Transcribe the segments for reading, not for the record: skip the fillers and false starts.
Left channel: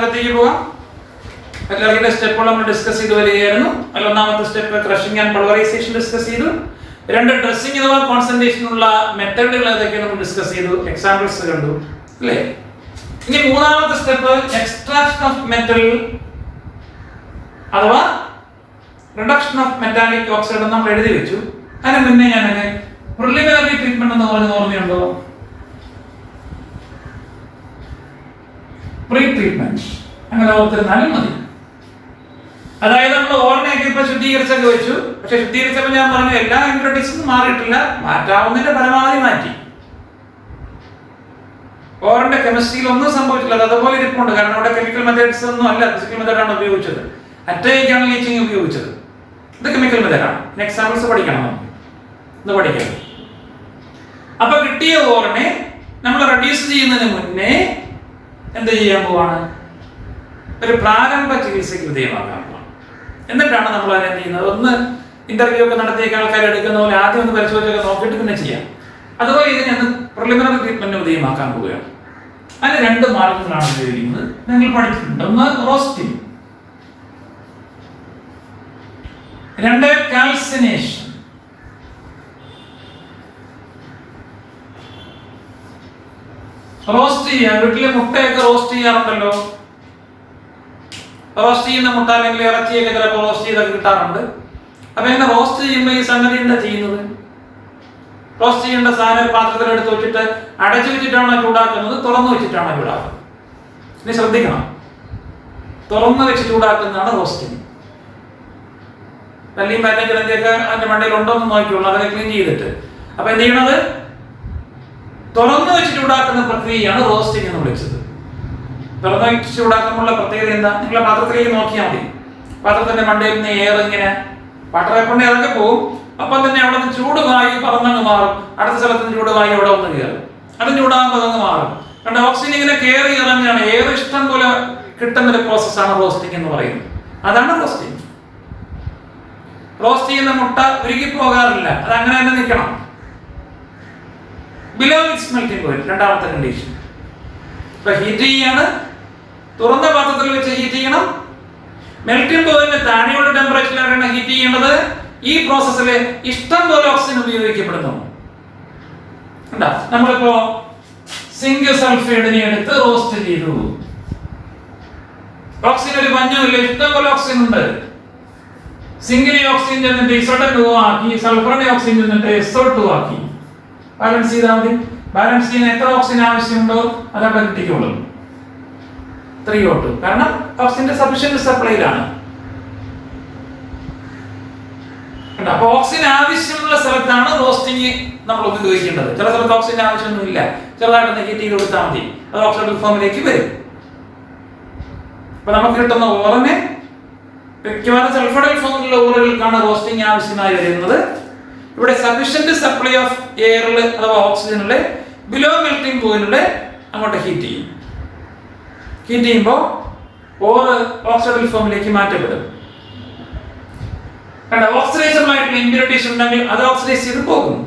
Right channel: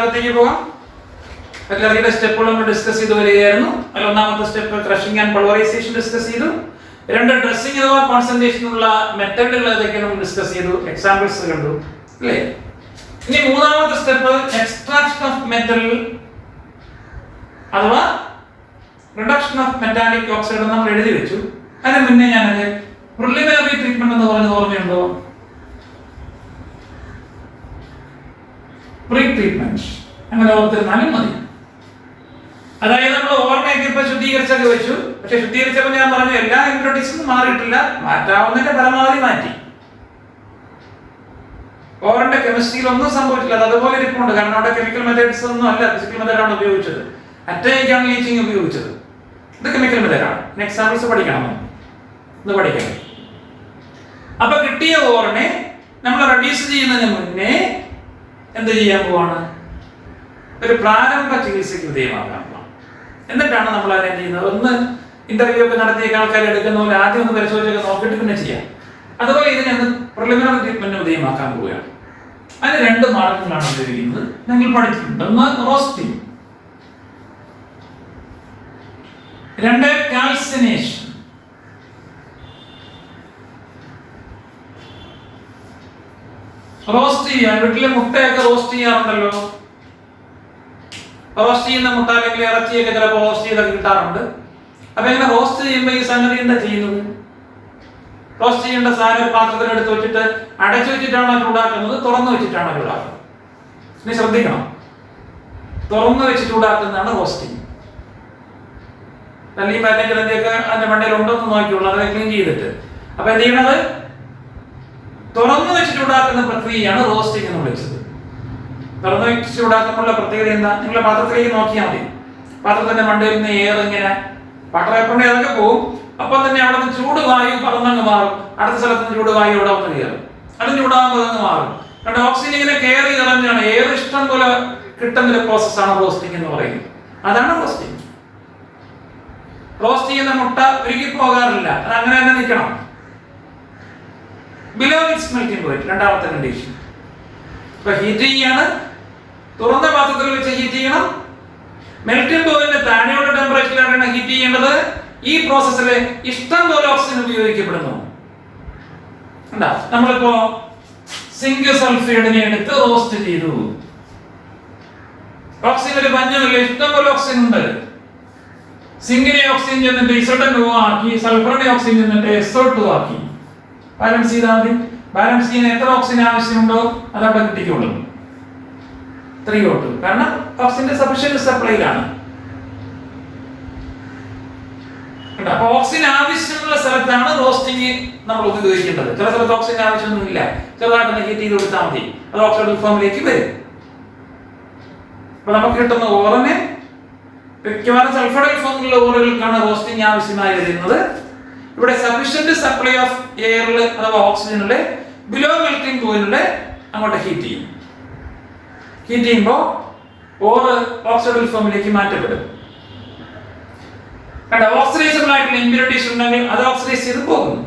ഭാഗത്തേക്ക് പോകാം. മെറ്റലർജിയുടെ സ്റ്റെപ്പുകൾ നമ്മൾ ഡിസ്കസ് ചെയ്ത് വരികയായിരുന്നു. അതിൽ ഒന്നാമത്തെ step crushing and pulverisation discuss ചെയ്തു. രണ്ട് ഡ്രസ്സിംഗ് അഥവാ കോൺസെൻട്രേഷനുള്ള മെത്തേഡുകൾ ഏതൊക്കെയാണ് നമ്മൾ ഡിസ്കസ് ചെയ്തു, എക്സാമ്പിൾസ് കണ്ടു അല്ലേ. ഇനി മൂന്നാമത്തെ സ്റ്റെപ്പ് എക്സ്ട്രാക്ഷൻ ഓഫ് മെറ്റൽ അഥവാ റിഡക്ഷൻ ഓഫ് മെറ്റാലിക് ഓക്സൈഡ് നമ്മൾ എഴുതി വെച്ചു. അതിന് മുന്നേ ഞാൻ പ്രിലിമിനറി ട്രീറ്റ്മെന്റ് എന്ന് പറഞ്ഞത് ഓർമ്മയുണ്ടോ? പ്രീ ട്രീറ്റ്മെന്റ് അങ്ങനെ ഓർത്തിരുന്നാലും മതി. അതായത് നമ്മൾ ഓർമ്മയൊക്കെ ഇപ്പൊ ശുദ്ധീകരിച്ചൊക്കെ വെച്ചു. പക്ഷെ ശുദ്ധീകരിച്ചപ്പോൾ ഞാൻ പറഞ്ഞു എല്ലാ ഇംപ്യൂരിറ്റീസും മാറിയിട്ടില്ല, മാറ്റാവുന്നതിന്റെ പരമാവധി മാറ്റി. ഓറിന്റെ കെമിസ്ട്രിയിൽ ഒന്നും സംഭവിച്ചില്ല, അത് അതുപോലെ ഇരിപ്പുണ്ട്. കാരണം അവിടെ കെമിക്കൽ മെത്തേഡ്സ് ഒന്നും അല്ല, ഫിസിക്കൽ മെത്തേഡാണ് ഉപയോഗിച്ചത്. അറ്റൈക്കാണ് ലീച്ചിങ് ഉപയോഗിച്ചത്. ഇത് കെമിക്കൽ മെത്തേഡാണ്. എക്സാമ്പിൾസ് പഠിക്കണം, ഇത് പഠിക്കണം. അപ്പൊ കിട്ടിയ ഓറിനെ നമ്മൾ റെഡ്യൂസ് ചെയ്യുന്നതിന് മുന്നേ എന്ത് ചെയ്യാൻ പോവാണ്? ഒരു പ്രാരംഭ ചികിത്സയ്ക്ക് വിധേയമാകാൻ പോവാണ്. എന്നിട്ടാണ് നമ്മൾ അതിനെ ചെയ്യുന്നത്. ഒന്ന് ഇന്റർവ്യൂ ഒക്കെ നടത്തിയ ആൾക്കാർ എടുക്കുന്ന പോലെ ആദ്യം ഒന്ന് പരിശോധിച്ചൊക്കെ നോക്കിയിട്ട് പിന്നെ ചെയ്യാം. അതുപോലെ ഇതിനെ ഒന്ന് പ്രിലിമിനറി ട്രീറ്റ്മെന്റ് വിധേയമാക്കാൻ പോവുകയാണ്. അതിന് രണ്ട് മാർഗങ്ങളാണ് ഉപയോഗിക്കുന്നത്, നിങ്ങൾ പഠിച്ചിട്ടുണ്ട്. ഒന്ന് റോസ്റ്റിംഗ്, രണ്ട് കാൽസിനേഷൻ. റോസ്റ്റ് ചെയ്യാൻ വീട്ടിലെ മുട്ടയൊക്കെ റോസ്റ്റ് ചെയ്യാറുണ്ടല്ലോ. റോസ്റ്റ് ചെയ്യുന്ന മുട്ട അല്ലെങ്കിൽ ഇറച്ചിയൊക്കെ ചിലപ്പോൾ റോസ്റ്റ് ചെയ്തൊക്കെ കിട്ടാറുണ്ട്. അപ്പൊ ഇങ്ങനെ റോസ്റ്റ് ചെയ്യുമ്പോൾ ഈ സംഗതി എന്താ ചെയ്യുന്നത്? റോസ്റ്റ് ചെയ്യേണ്ട സാധനം ഒരു പാത്രത്തിൽ എടുത്ത് വെച്ചിട്ട് അടച്ചു വെച്ചിട്ടാണോ ചൂടാക്കുന്നത്, തുറന്നു വെച്ചിട്ടാണോ ചൂടാക്കുന്നത്? ഇനി ശ്രദ്ധിക്കണം, തുറന്നു വെച്ച് ചൂടാക്കുന്നതാണ് റോസ്റ്റിംഗ്. തല്ലിയും പാറ്റയും കിടന്തിയൊക്കെ അതിന്റെ മണ്ടയിൽ ഉണ്ടോ എന്ന് നോക്കിയുള്ളൂ, അതൊക്കെ ക്ലീൻ ചെയ്തിട്ട്. അപ്പൊ എന്ത് ചെയ്യണത്? തുറന്നു വെച്ച് ചൂടാക്കുന്ന പ്രക്രിയയാണ് റോസ്റ്റിംഗ് എന്ന് വിളിച്ചത്. തുറന്നു വെച്ച് ചൂടാക്കുമ്പോഴുള്ള പ്രത്യേകത എന്താ? നിങ്ങളെ പാത്രത്തിലേക്ക് നോക്കിയാൽ മതി. പാത്രത്തിന്റെ മണ്ടയിൽ നിന്ന് എയർ ഇങ്ങനെ പാത്രം കൊണ്ട് ഏതൊക്കെ പോകും, അപ്പം തന്നെ അവിടെ നിന്ന് ചൂട് വായു പറന്നങ്ങ് മാറും. അടുത്ത സ്ഥലത്ത് നിന്ന് ചൂട് വായു അവിടെ വന്ന് കയറും, അത് ചൂടാകുമ്പോൾ അതങ്ങ് മാറും. കാരണം ഓക്സിജൻ ഇങ്ങനെ കയറി ഇറങ്ങുകയാണ്. എയർ ഇഷ്ടം പോലെ കിട്ടുന്നൊരു പ്രോസസ്സാണ് റോസ്റ്റിംഗ് എന്ന് പറയുന്നത്. അതാണ് റോസ്റ്റിംഗ്. റോസ്റ്റ് ചെയ്യുന്ന മുട്ട ഉരുകി പോകാറില്ല, അത് അങ്ങനെ തന്നെ നിൽക്കണം. ബിലോ ഇറ്റ്സ് മെൽറ്റിംഗ് പോയിന്റ്, രണ്ടാമത്തെ കണ്ടീഷൻ. ഇപ്പൊ ഹീറ്റ് ചെയ്യാണ്, തുറന്ന പാത്രത്തിൽ വെച്ച് ഹീറ്റ് ചെയ്യണം. മെൽറ്റിംഗ് പോയിന്റ് താഴെയുള്ള ടെമ്പറേച്ചറിലാണ് ഹീറ്റ് ചെയ്യേണ്ടത്. ഈ പ്രോസസ്സിൽ ഇഷ്ടം പോലെ ഓക്സിജൻ ഉപയോഗിക്കപ്പെടുന്നു. നമ്മളിപ്പോ സിങ്ക് സൾഫൈഡിനെ എടുത്ത് റോസ്റ്റ് ചെയ്തു. ഓക്സിജൻ ഒരു പഞ്ഞമില്ല, ഇഷ്ടം പോലെ ഓക്സിജൻ ഉണ്ട്. സിങ്കിനെ ഓക്സിജൻ ചെന്നിട്ട് ഇസോട്ടോ ആക്കി, സൾഫറിനെ ഓക്സിജൻ ചെന്നിട്ട് SO2 ആക്കി. ബാലൻസ് ചെയ്താൽ മതി. ബാലൻസ് ചെയ്യുന്ന എത്ര ഓക്സിജൻ ആവശ്യമുണ്ടോ അത് അവിടെ കിട്ടിക്കോളും. 3O2, കാരണം ഓക്സിജന്റെ സഫിഷ്യന്റ് സപ്ലൈയിലാണ്. അപ്പൊ ഓക്സിജൻ ആവശ്യമുള്ള സ്ഥലത്താണ് റോസ്റ്റിംഗ് നമ്മൾ ഉപയോഗിക്കേണ്ടത്. ചില സ്ഥലത്ത് ഓക്സിജൻ ആവശ്യമൊന്നുമില്ല, ചെറുതായിട്ടൊന്ന് ഹീറ്റ് ചെയ്ത് കൊടുത്താൽ മതി, അത് ഓക്സിഡൈഡ് ഫോമിലേക്ക് വരും. അപ്പൊ നമുക്ക് കിട്ടുന്ന ഓറിനെ മിക്കവാറും സൾഫൈഡ് ഫോമിലുള്ള ഓറുകൾക്കാണ് റോസ്റ്റിംഗ് ആവശ്യമായി വരുന്നത്. ഇവിടെ സഫിഷ്യന്റ് സപ്ലൈ ഓഫ് എയറിൽ അഥവാ ഓക്സിജനിലെ ബിലോ മെൽറ്റിംഗ് പോയിന്റില് അങ്ങോട്ട് ഹീറ്റ് ചെയ്യും. ഹീറ്റ് ചെയ്യുമ്പോൾ ഓറ് ഓക്സിഡൈഡ് ഫോമിലേക്ക് മാറ്റപ്പെടും. കണ്ട, ഓക്സിഡൈസബിൾ ആയിട്ടുള്ള ഇമ്പ്യൂരിറ്റീസ് ഉണ്ടെങ്കിൽ അത് ഓക്സിഡൈസ് ചെയ്ത് പോകും.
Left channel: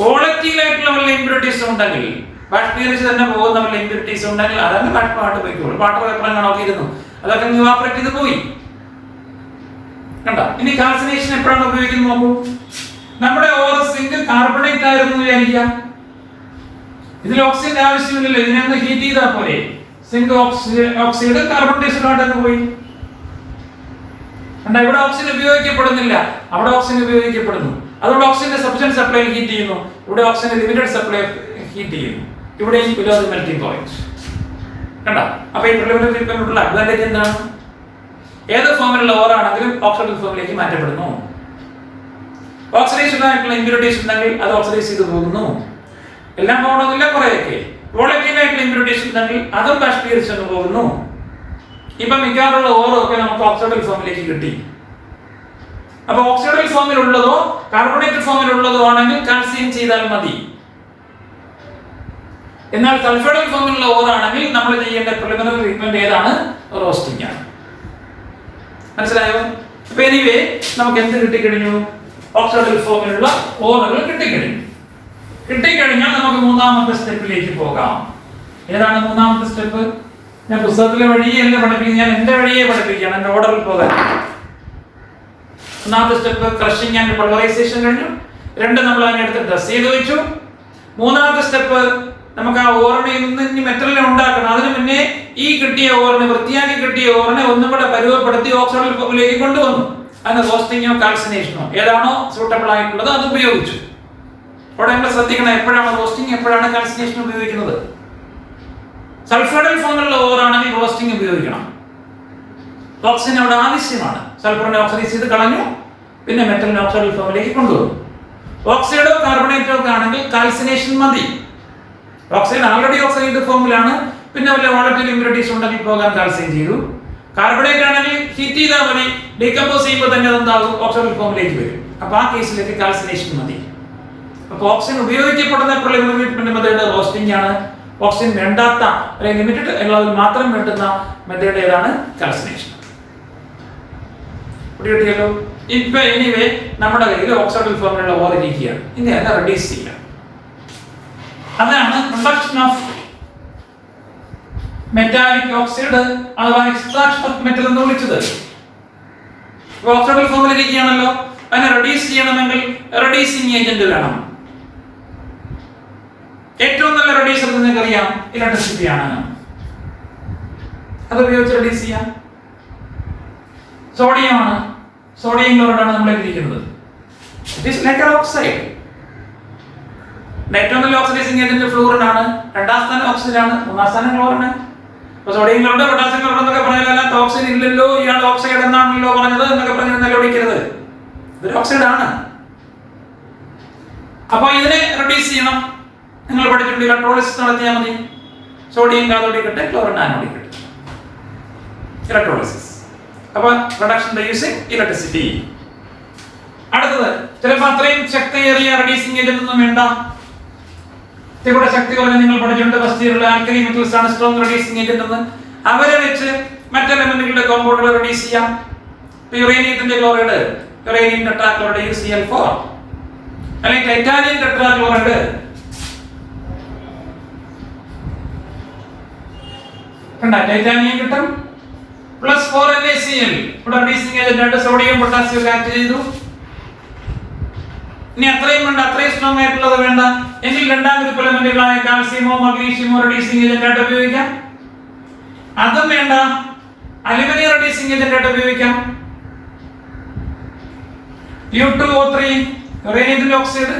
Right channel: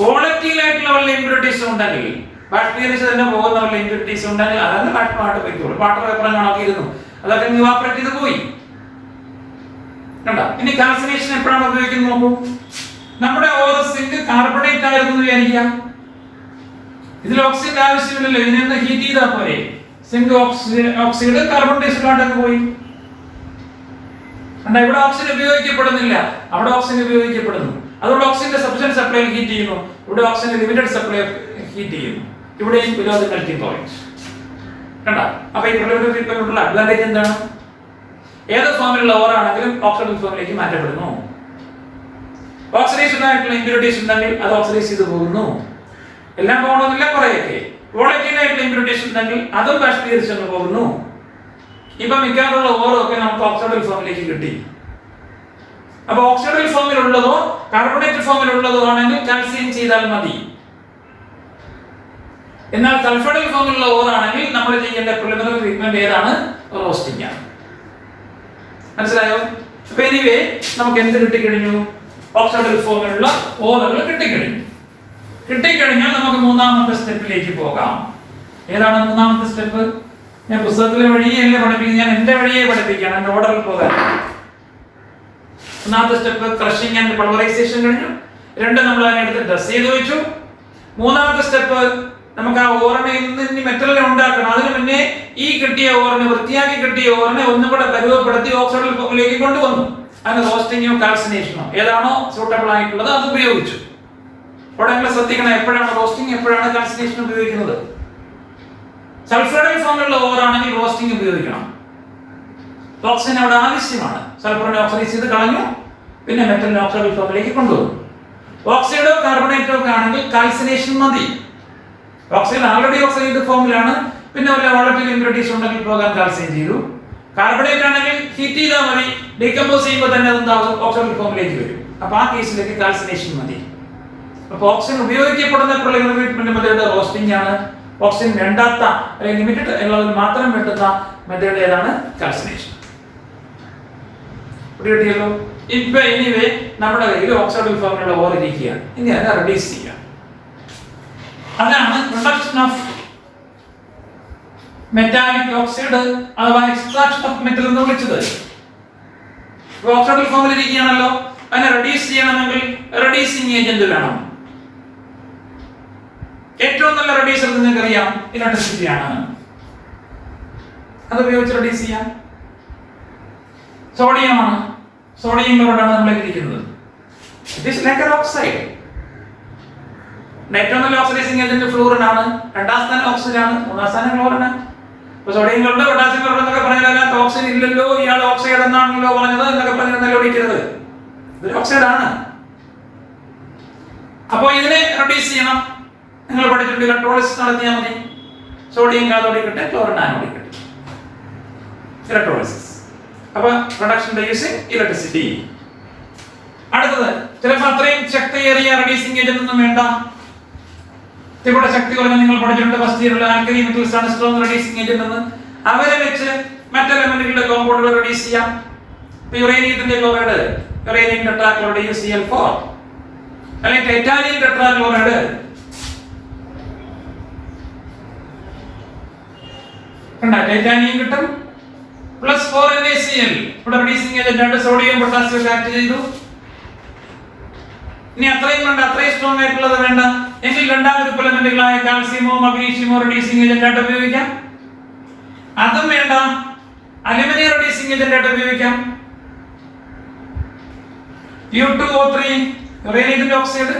വോളറ്റൈൽ ആയിട്ടുള്ള വല്ല ഇമ്പ്യൂരിറ്റീസ് ഉണ്ടെങ്കിൽ, ബാക്ടീരിയസ് തന്നെ പോകുന്ന വല്ല ഇമ്പ്യൂരിറ്റീസ് ഉണ്ടെങ്കിൽ അതന്നെ വാട്ടർ പോയിക്കോളും. വാട്ടർ പേപ്പർ കാണാൻ ഇരുന്നു, അതൊക്കെ ഇവാപറേറ്റ് ചെയ്ത് പോയി. കണ്ട, ഇനി കാൽസിനേഷൻ എപ്പോഴാണ് ഉപയോഗിക്കുന്നത് നോക്കൂ. നമ്മുടെ ഓരോ സിങ്ക് കാർബണേറ്റ് ആയിരുന്നു വിചാരിക്കാം, ഇതിൽ ഓക്സിജൻ ആവശ്യമില്ലല്ലോ, ഇതിനെ ഹീറ്റ് ചെയ്താൽ പോലെ സിങ്ക് ഓക്സൈഡ് കാർബൺ ഡൈഓക്സൈഡ് പോയി. കണ്ട, ഇവിടെ ഓക്സിജൻ ഉപയോഗിക്കപ്പെടുന്നില്ല, അവിടെ ഓക്സിജൻ ഉപയോഗിക്കപ്പെടുന്നു. അതുകൊണ്ട് ഓക്സിജന്റെ സഫിഷ്യന്റ് സപ്ലൈ ഹീറ്റ് ചെയ്യുന്നു, ഇവിടെ ഓക്സിജൻ ലിമിറ്റഡ് സപ്ലൈ ഹീറ്റ് ചെയ്യുന്നു. ഇവിടെയും ബിലോ ദി മെൽറ്റിംഗ് പോയിന്റ്. കണ്ട, അപ്പൊ ഈ പ്രിലിമിനറി ട്രീറ്റ്മെന്റിനുള്ള അഡ്വാൻറ്റേജ് എന്താണ്? ഏത് ഫോമിലുള്ള ഓറാണെങ്കിലും ഓക്സിഡൈസ്ഡ് ഫോമിലേക്ക് മാറ്റപ്പെടുന്നു. ഓക്സിഡൈസ്ഡ് ആയിട്ടുള്ള ഇമ്പ്യൂരിറ്റീസ് ഉണ്ടെങ്കിൽ അത് ഓക്സിഡൈസ് ചെയ്ത് പോകുന്നു. എല്ലാം പോകണമെന്നില്ല, കുറെയൊക്കെ. വോളറ്റൈൽ ആയിട്ടുള്ള ഇമ്പ്യൂരിറ്റീസ് ഉണ്ടെങ്കിൽ അതും ബാഷ്പീകരിച്ചു പോകുന്നു. ഇപ്പൊ മിക്കവാറുള്ള ഓറൊക്കെ നമുക്ക് ഓക്സിഡൈസ്ഡ് ഫോമിലേക്ക് കിട്ടി. അപ്പൊ ഓക്സിഡൈസ്ഡ് ഫോമിലുള്ളതോ കാർബണേറ്റഡ് ഫോമിലുള്ളതോ ആണെങ്കിൽ കാൽസ്യം ചെയ്താൽ മതി. എന്നാൽ സൾഫൈഡ് ഫോമിലുള്ള ഓറാണെങ്കിൽ നമ്മൾ ചെയ്യേണ്ട പ്രിലിമിനറി ട്രീറ്റ്മെന്റ് ഏതാണ്? റോസ്റ്റിംഗ് ആണ്. മനസ്സിലായോ? അപ്പൊ എനിവേ നമുക്ക് എന്ത് കിട്ടിക്കഴിഞ്ഞു? ഓക്സിഡൈസ്ഡ് ഫോമിലുള്ള ഓറുകൾ കിട്ടിക്കഴിഞ്ഞു. കിട്ടിക്കഴിഞ്ഞാൽ നമുക്ക് മൂന്നാമത്തെ സ്റ്റെപ്പിലേക്ക് പോകാം. ഏതാണ് മൂന്നാമത്തെ സ്റ്റെപ്പ്? ഞാൻ പുസ്തകത്തിലെ വഴിയല്ല പഠിപ്പിക്കുന്നത്, ഞാൻ എന്റെ വഴിയെ പഠിപ്പിക്കുകയാണ്, എന്റെ ഓർഡറിൽ പോകാൻ. ഒന്നാമത്തെ സ്റ്റെപ്പ് ക്രഷിംഗ് ആൻഡ് പൾവറൈസേഷൻ കഴിഞ്ഞു. 2 നമ്മൾ അതിനെടുത്ത് ഡ്രസ് ചെയ്ത് വെച്ചു. 3ാമത്തെ സ്റ്റെപ്പ് നമുക്ക് ആ ഓറിനെ ഇനി മെറ്റലിനെ ഉണ്ടാക്കണം. അതിന് മുന്നേ ഈ കിട്ടിയ ഓറിനെ, വൃത്തിയാക്കി കിട്ടിയ ഓറിനെ ഒന്നും കൂടെ പരുവപ്പെടുത്തി ഓക്സിഡൈസിലേക്ക് കൊണ്ടുവന്നു. അതിന് റോസ്റ്റിങ്ങോ കാൽസിനേഷനോ ഏതാണോ സൂട്ടബിൾ ആയിട്ടുള്ളത് അത് ഉപയോഗിച്ചു. അവിടെ നമ്മൾ ശ്രദ്ധിക്കണം, എപ്പോഴാണ് റോസ്റ്റിംഗ്, എപ്പോഴാണ് കാൽസിനേഷൻ ഉപയോഗിക്കുന്നത്. സൾഫൈഡൽ ഫോമിലുള്ള ഓറാണെങ്കിൽ റോസ്റ്റിംഗ് ഉപയോഗിക്കണം. ഓക്സിജൻ അവിടെ ആവശ്യമാണ്. സൾഫറിനെ ഓക്സിഡൈസ് ചെയ്ത് കളഞ്ഞു, പിന്നെ മെറ്റലിനെ ഓക്സിഡൽ ഫോമിലേക്ക് കൊണ്ടുവന്നു. ഓക്സൈഡോ കാർബണേറ്റോ ഒക്കെ ആണെങ്കിൽ കാൽസിനേഷൻ മതി. ഓക്സൈഡ് ആൾറെഡി ഓക്സൈഡ് ഫോമിലാണ്, പിന്നെ വല്ല വോളറ്റൈൽ ഇമ്പ്യൂരിറ്റീസ് ഉണ്ടെങ്കിൽ പോകാൻ കാൽസ്യം ചെയ്തു. കാർബണേറ്റ് ആണെങ്കിൽ ഹീറ്റ് ചെയ്താൽ മതി, ഡീകമ്പോസ് ചെയ്യുമ്പോൾ തന്നെ അതെന്താകും, ഓക്സിഡൽ ഫോമിലേക്ക് വരും. അപ്പൊ ആ കേസിലേക്ക് കാൽസിനേഷൻ മതി. അപ്പൊ ഓക്സിജൻ ഉപയോഗിക്കപ്പെടുന്ന പ്രിലിമിനറി മെത്തേഡ് റോസ്റ്റിംഗ് ആണ്. ഓക്സിജൻ വേണ്ടാത്ത അല്ലെങ്കിൽ ലിമിറ്റഡ് ഉള്ളതിൽ മാത്രം വേണ്ടുന്ന മെത്തേഡ് ഏതാണ്, കാൽസിനേഷൻ. കിട്ടിയല്ലോ. ഇപ്പൊ എനിവേ നമ്മുടെ കയ്യിൽ ഓക്സിഡൽ ഫോമിലുള്ള ഓർ ഇരിക്കുകയാണ്. ഇനി അത് റെഡ്യൂസ് ചെയ്യാം. അതാണ് റിഡക്ഷൻ ഓഫ് മെറ്റാലിക് ഓക്സൈഡ് അഥവാ എക്സ്ട്രാക്ഷൻ ഓഫ് മെറ്റൽ എന്ന് വിളിച്ചത്. ഓക്സിഡൽ ഫോമിൽ ഇരിക്കുകയാണല്ലോ, അതിനെ റെഡ്യൂസ് ചെയ്യണമെങ്കിൽ റെഡ്യൂസിങ് ഏജന്റ് വേണം. ഏറ്റവും നല്ല റെഡ്യൂസർ നിങ്ങൾക്ക് അറിയാം, ഇലക്ട്രിസിറ്റി ആണ്. അത് ഉപയോഗിച്ച് റെഡ്യൂസ് ചെയ്യാം. സോഡിയം ആണ്, സോഡിയം ക്ലോറൈഡ് ആണ് നമ്മളെ ഇരിക്കുന്നത്. It is like an oxide. ഏറ്റവും നല്ല ഓക്സിഡൈസിങ് ഏജന്റ് ഫ്ലൂറിൻ ആണ്, 2ാം സ്ഥാനം ഓക്സിജൻ ആണ്, 3ാം സ്ഥാനം ക്ലോറിൻ ആണ്. അപ്പൊ സോഡിയം ക്ലോറൈഡ്, പൊട്ടാസ്യം ക്ലോറൈഡ് എന്നൊക്കെ പറഞ്ഞാൽ ഓക്സിജൻ ഇല്ലല്ലോ, ഇയാൾ ഓക്സൈഡ് എന്നാണല്ലോ പറഞ്ഞത് എന്നൊക്കെ പറഞ്ഞാൽ ഓടിക്കരുത്. ഇതൊരു ഓക്സൈഡ് ആണ്. അപ്പൊ ഇതിനെ റെഡ്യൂസ് ചെയ്യണം. നിങ്ങൾ പഠിച്ചിട്ടുണ്ട്, ഇലക്ട്രോളിസിസ് നടത്തിയാൽ മതി. സോഡിയം കാഥോഡിക്കട്ടെ, ക്ലോറിൻ ആനോഡിക്കട്ടെ, ഇലക്ട്രോളിസിസ്. അപ്പൊ പ്രൊഡക്ഷൻ ബൈ യൂസിങ് ഇലക്ട്രിസിറ്റി. അടുത്തത് ചിലപ്പോൾ അത്രയും ശക്തിയേറിയ റെഡ്യൂസിങ് ഏജന്റ് ഒന്നും വേണ്ട. ഇവിടെ ശക്തി കുറഞ്ഞ നിങ്ങൾ പഠിച്ചിട്ടുണ്ട്, ഫസ്റ്റ് ഇയറിൽ ആൽക്കലി മെറ്റൽസ് ആണ് സ്ട്രോങ് റെഡ്യൂസിങ് ഏജന്റ് എന്ന്. അവരെ വെച്ച് മറ്റ് എലമെന്റുകളുടെ കോമ്പൗണ്ടുകൾ റെഡ്യൂസ് ചെയ്യാം. യുറേനിയത്തിന്റെ ക്ലോറൈഡ്, യുറേനിയം ടെട്രാക്ലോറൈഡ് UCl4, അല്ലെങ്കിൽ ടൈറ്റാനിയം ടെട്രാക്ലോറൈഡ്, ടൈറ്റാനിയം കിട്ടും, +4 NaCl. ഇവിടെ റെഡ്യൂസിങ് ഏജന്റ് ആയിട്ട് സോഡിയം പൊട്ടാസ്യം ആക്ട് ചെയ്തു. ഇനി അത്രയും വേണ്ട, അത്രയും സ്ട്രോങ് ആയിട്ടുള്ളത് വേണ്ട എങ്കിൽ 2ാം ഗ്രൂപ്പ് എലമെന്റുകളായ കാൽസ്യമോ മഗ്നീഷ്യമോ റെഡ്യൂസിങ് ഏജന്റ് ആയിട്ട് ഉപയോഗിക്കാം. അതും വേണ്ട, അലുമിനിയം റെഡ്യൂസിങ് ഏജന്റ് ആയിട്ട് ഉപയോഗിക്കാം. U2O3 യുറേനിയത്തിന്റെ oxide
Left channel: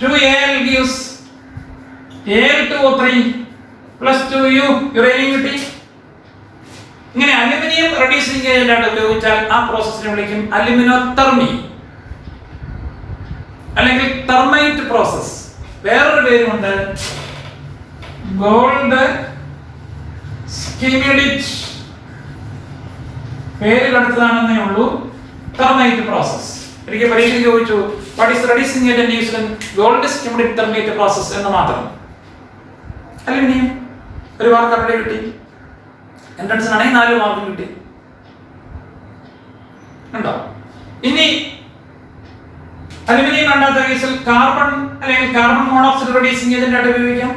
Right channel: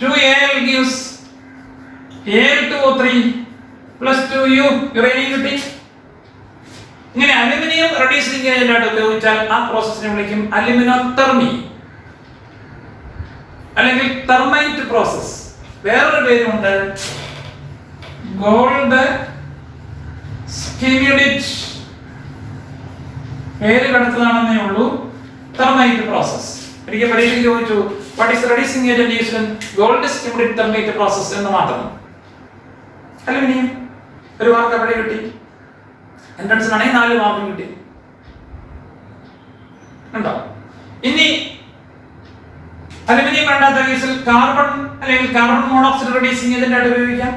+2Al gives Al2O3 +2U uranium കിട്ടി. ഇങ്ങനെ അലുമിനിയം റെഡ്യൂസിങ് ഏജന്റ് ആയിട്ട് ഉപയോഗിച്ചാൽ ആ പ്രോസസ്സിനെ വിളിക്കും അലുമിനോതെർമി അല്ലെങ്കിൽ തെർമൈറ്റ് പ്രോസസ്. വേറൊരു പേരുമുണ്ട്, ഗോൾഡ് സ്കിമിഡിറ്റ്. പേര് കടത്തലാണെന്നേ ഉള്ളൂ. Thermite process. ഒരിക്കൽ പരീക്ഷയ്ക്ക് ചോദിച്ചു, what is reducing agent used in Goldschmidt thermite process എന്ന് മാത്രം. അലുമിനിയം ഒരു മാർക്ക് അവിടെ കിട്ടി. എൻട്രൻസിനാണെങ്കിൽ 4 മാർക്കും കിട്ടി. ഉണ്ടോ? ഇനി അലുമിനിയം വേണ്ടാത്ത കേസിൽ കാർബൺ അല്ലെങ്കിൽ കാർബൺ മോണോക്സൈഡ് റെഡ്യൂസിങ് ഏജന്റ് ആയിട്ട് ഉപയോഗിക്കാം,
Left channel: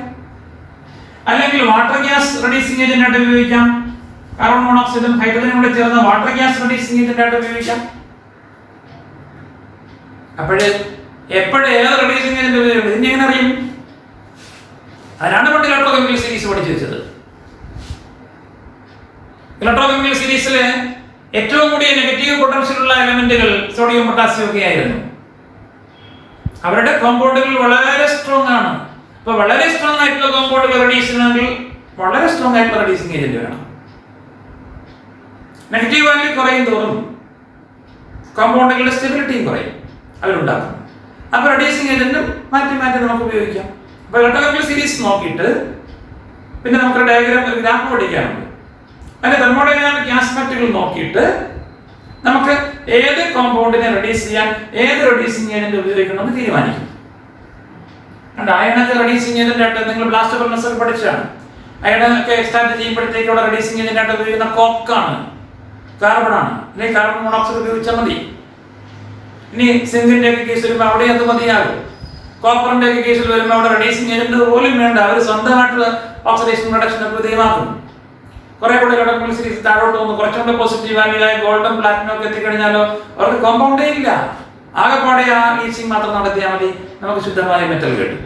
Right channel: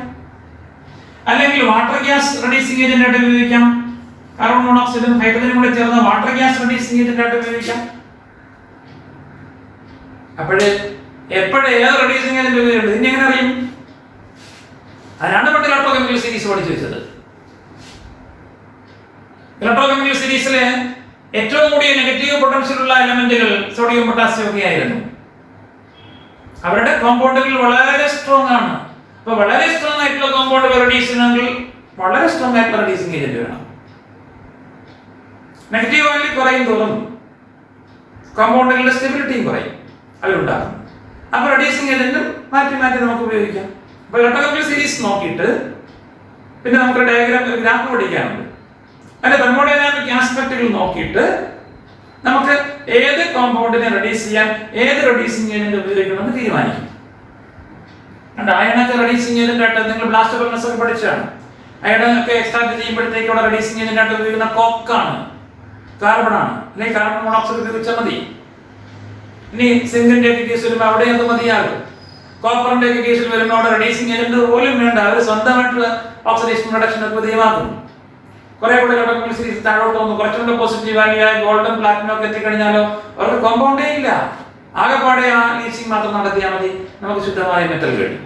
അല്ലെങ്കിൽ വാട്ടർ ഗ്യാസ് റെഡ്യൂസിങ് ഏജന്റ് ആയിട്ട് ഉപയോഗിക്കാം. കാർബൺ മോണോക്സൈഡും ഹൈഡ്രജനും കൂടി ചേർന്ന് വാട്ടർ ഗ്യാസ് റെഡ്യൂസിങ് ഏജന്റ് ആയിട്ട് ഉപയോഗിക്കാം. അപ്പോഴേ ഏത് റെഡ്യൂസിങ് ഏജന്റ് ഉപയോഗിക്കും ഇതിനെ എങ്ങനെ അറിയും? അതിനാണ് പണ്ട് ഇലക്ട്രോകെമിക്കൽ സീരീസ് പഠിച്ചു വെച്ചത്. ഇലക്ട്രോകെമിക്കൽ സീരീസിലെ ഏറ്റവും കൂടിയ നെഗറ്റീവ് പൊട്ടൻഷ്യൽ ഉള്ള എലമെന്റുകൾ സോഡിയം പൊട്ടാസ്യം ഒക്കെ ആയിരുന്നു. അവരുടെ കോമ്പൗണ്ടുകൾ വളരെ സ്ട്രോങ് ആണ്. അപ്പൊ വളരെ സ്ട്രോങ് ആയിട്ടുള്ള കോമ്പൗണ്ടുകൾ റെഡ്യൂസ് ചെയ്യണമെങ്കിൽ വളരെ സ്ട്രോങ് ആയിട്ടുള്ള റെഡ്യൂസിങ് ഏജന്റ് വേണം. നെഗറ്റീവ് വാല്യൂ കുറയും തോറും കോമ്പൗണ്ടുകളുടെ സ്റ്റെബിലിറ്റിയും കുറയും, അവരുണ്ടാക്കും. അപ്പൊ റെഡ്യൂസിങ് ഏജന്റും മാറ്റി നമുക്ക് ഉപയോഗിക്കാം. അപ്പൊ ഇലക്ട്രോകെമിക്കൽ സീരീസ് നോക്കിയിട്ട് പിന്നെ നമുക്ക് ഡയഗ്രാം ഗ്രാഫ് പഠിക്കാനുണ്ട്. അതിന്റെ തെർമോഡൈനാമിക് ആസ്പെക്റ്റുകൾ നോക്കിയിട്ട് നമുക്ക് ഏത് കോമ്പൗണ്ടിനെ റെഡ്യൂസ് ചെയ്യാൻ ഏത് റെഡ്യൂസിങ് ഏജന്റ് ഉപയോഗിക്കണമെന്ന് തീരുമാനിക്കും. അയണൊക്കെ റെഡ്യൂസിങ് ഏജന്റ് ആയിട്ട് നിങ്ങൾ ബ്ലാസ്റ്റ് ഫർണസ് ഒക്കെ പഠിച്ചാണ്. അയണൊക്കെ എക്സ്ട്രാക്ട് ചെയ്യുമ്പോഴത്തേക്ക് അവിടെ റെഡ്യൂസിങ് ഏജന്റ് ആയിട്ട് ഉപയോഗിക്കുന്ന കോക്കാണ്, കാർബൺ ആണ്, അല്ലെങ്കിൽ കാർബൺ മോണോക്സൈഡ് ഉപയോഗിച്ചാൽ മതി. ഇനി സിങ്കിന്റെ കേസ് വരുമ്പോൾ അവിടെ എന്ത് മതിയാകും, കോപ്പറിന്റെ കേസിൽ വരുമ്പോൾ അവിടെ റെഡ്യൂസിങ് ഏജന്റ് പോലും വേണ്ട, അവർ സ്വന്തമായിട്ടുള്ള ഓക്സിഡേഷൻ റിഡക്ഷൻ ഒക്കെ തീരുമാനിക്കുന്നു. കുറെ കൂടെ ഇലക്ട്രോണിക് സീരീസ് താഴോട്ട് വന്നു കുറച്ചുകൂടെ പോസിറ്റീവ് വാല്യൂ ആയി ഗോൾഡൻ പ്ലാറ്റിനം ഒക്കെ എത്തിക്കഴിഞ്ഞാലോ അവർക്ക് കോമ്പൗണ്ടേ ഇല്ല, ആകെപ്പാടെ ആ ലീച്ചിങ് മാത്രം നടത്തിയാൽ മതി, നമുക്ക് ശുദ്ധമായ മെറ്റൽ കിട്ടും.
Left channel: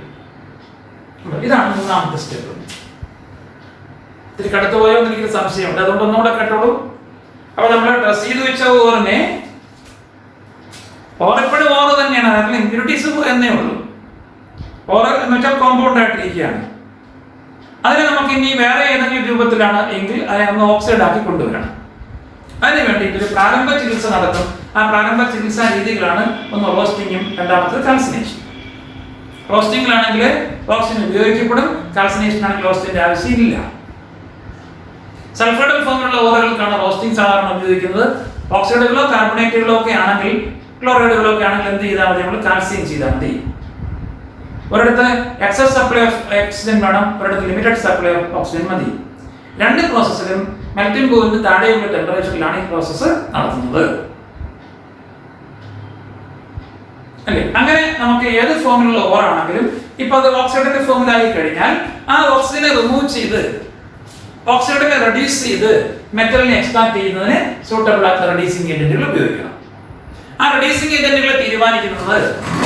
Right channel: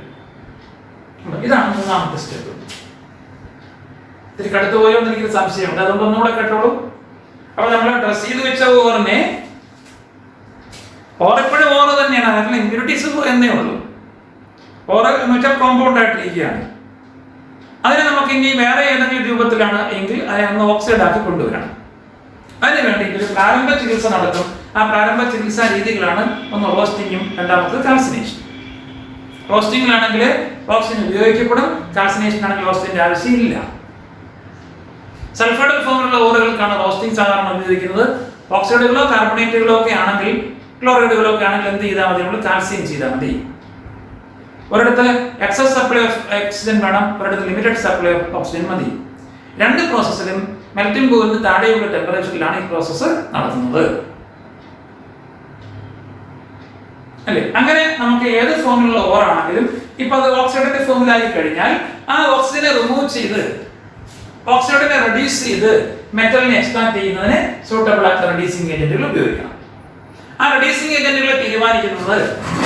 ഇതാണ് മൂന്നാമത്തെ സ്റ്റെപ്പ്. ഇത്തിരി കടുത്തു പോയോ എന്ന് എനിക്ക് സംശയമുണ്ട്, അതുകൊണ്ട് ഒന്നുകൂടെ കേട്ടോളൂ. അപ്പൊ നമ്മൾ ഡ്രസ് ചെയ്ത് വെച്ച ഓറിനെ ഓറെപ്പോഴും ഓറ് തന്നെയാണ്, അതിന് ഇമ്പ്യൂരിറ്റീസ് എന്നേ ഉള്ളൂ. ഓറ് എന്ന് വെച്ചാൽ കോമ്പൗണ്ട് ആയിട്ടിരിക്കുകയാണ്. അതിനെ നമുക്ക് ഇനി വേറെ ഏതെങ്കിലും രൂപത്തിലാണ് എങ്കിൽ അതിനെ ഒന്ന് ഓക്സൈഡ് ആക്കി കൊണ്ടുവരണം. അതിന് വേണ്ടി ഒരു പ്രാരംഭ ചികിത്സ നടത്തും. ആ പ്രാരംഭ ചികിത്സാ രീതികളാണ് ഒന്ന് റോസ്റ്റിങ്ങും രണ്ടാമത്തത് കാൽസിനേഷൻ. റോസ്റ്റിംഗിലാണെങ്കിൽ ഓക്സിജൻ ഉപയോഗിക്കപ്പെടും, കാൽസിനേഷൻ ആണെങ്കിൽ ഓക്സിജന്റെ ആവശ്യമില്ല. സൾഫൈഡൽ ഫോമിലുള്ള ഓറുകൾക്കാണ് റോസ്റ്റിംഗ് സാധാരണ ഉപയോഗിക്കുന്നത്. ഓക്സൈഡുകളോ കാർബണേറ്റുകളോ ഒക്കെ ആണെങ്കിൽ, ക്ലോറൈഡുകളോ ഒക്കെ ആണെങ്കിൽ എന്ത് ചെയ്താൽ മതി, നമ്മൾ കാൽസ്യം ചെയ്താൽ മതി. ഒരിടത്ത് എക്സസ് സപ്ലൈ ഓഫ് ഓക്സിജൻ വേണം, ഒരിടത്ത് ലിമിറ്റഡ് സപ്ലൈ ഓഫ് ഓക്സിജൻ മതി. രണ്ട് പ്രോസസ്സിലും മെൽറ്റിംഗ് പോയിന്റ് താഴെയുള്ള ടെമ്പറേച്ചറിലാണ് ഈ പ്രോസസ്സ് നടത്തുന്നത് അല്ലേ. അങ്ങനെ നമുക്ക് ഏത് ഫോമിലുള്ള ഓറാണെങ്കിലും ഇപ്പൊ അത് ഓക്സൈഡിന്റെ ഫോമിലായി കഴിഞ്ഞാൽ ആ ഓക്സിജനെ റിമൂവ് ചെയ്ത് ഓക്സൈഡിനെ റെഡ്യൂസ് ചെയ്ത് മെറ്റലിനെ എക്സ്ട്രാക്ട് ചെയ്യുന്നതിന് സൂട്ടബിൾ ആയിട്ടുള്ള റെഡ്യൂസിംഗ് ഏജന്റുകൾ ഉപയോഗിക്കണം. ആ റെഡ്യൂസിംഗ് ഏജന്റുകളെ തീരുമാനിക്കുന്നത്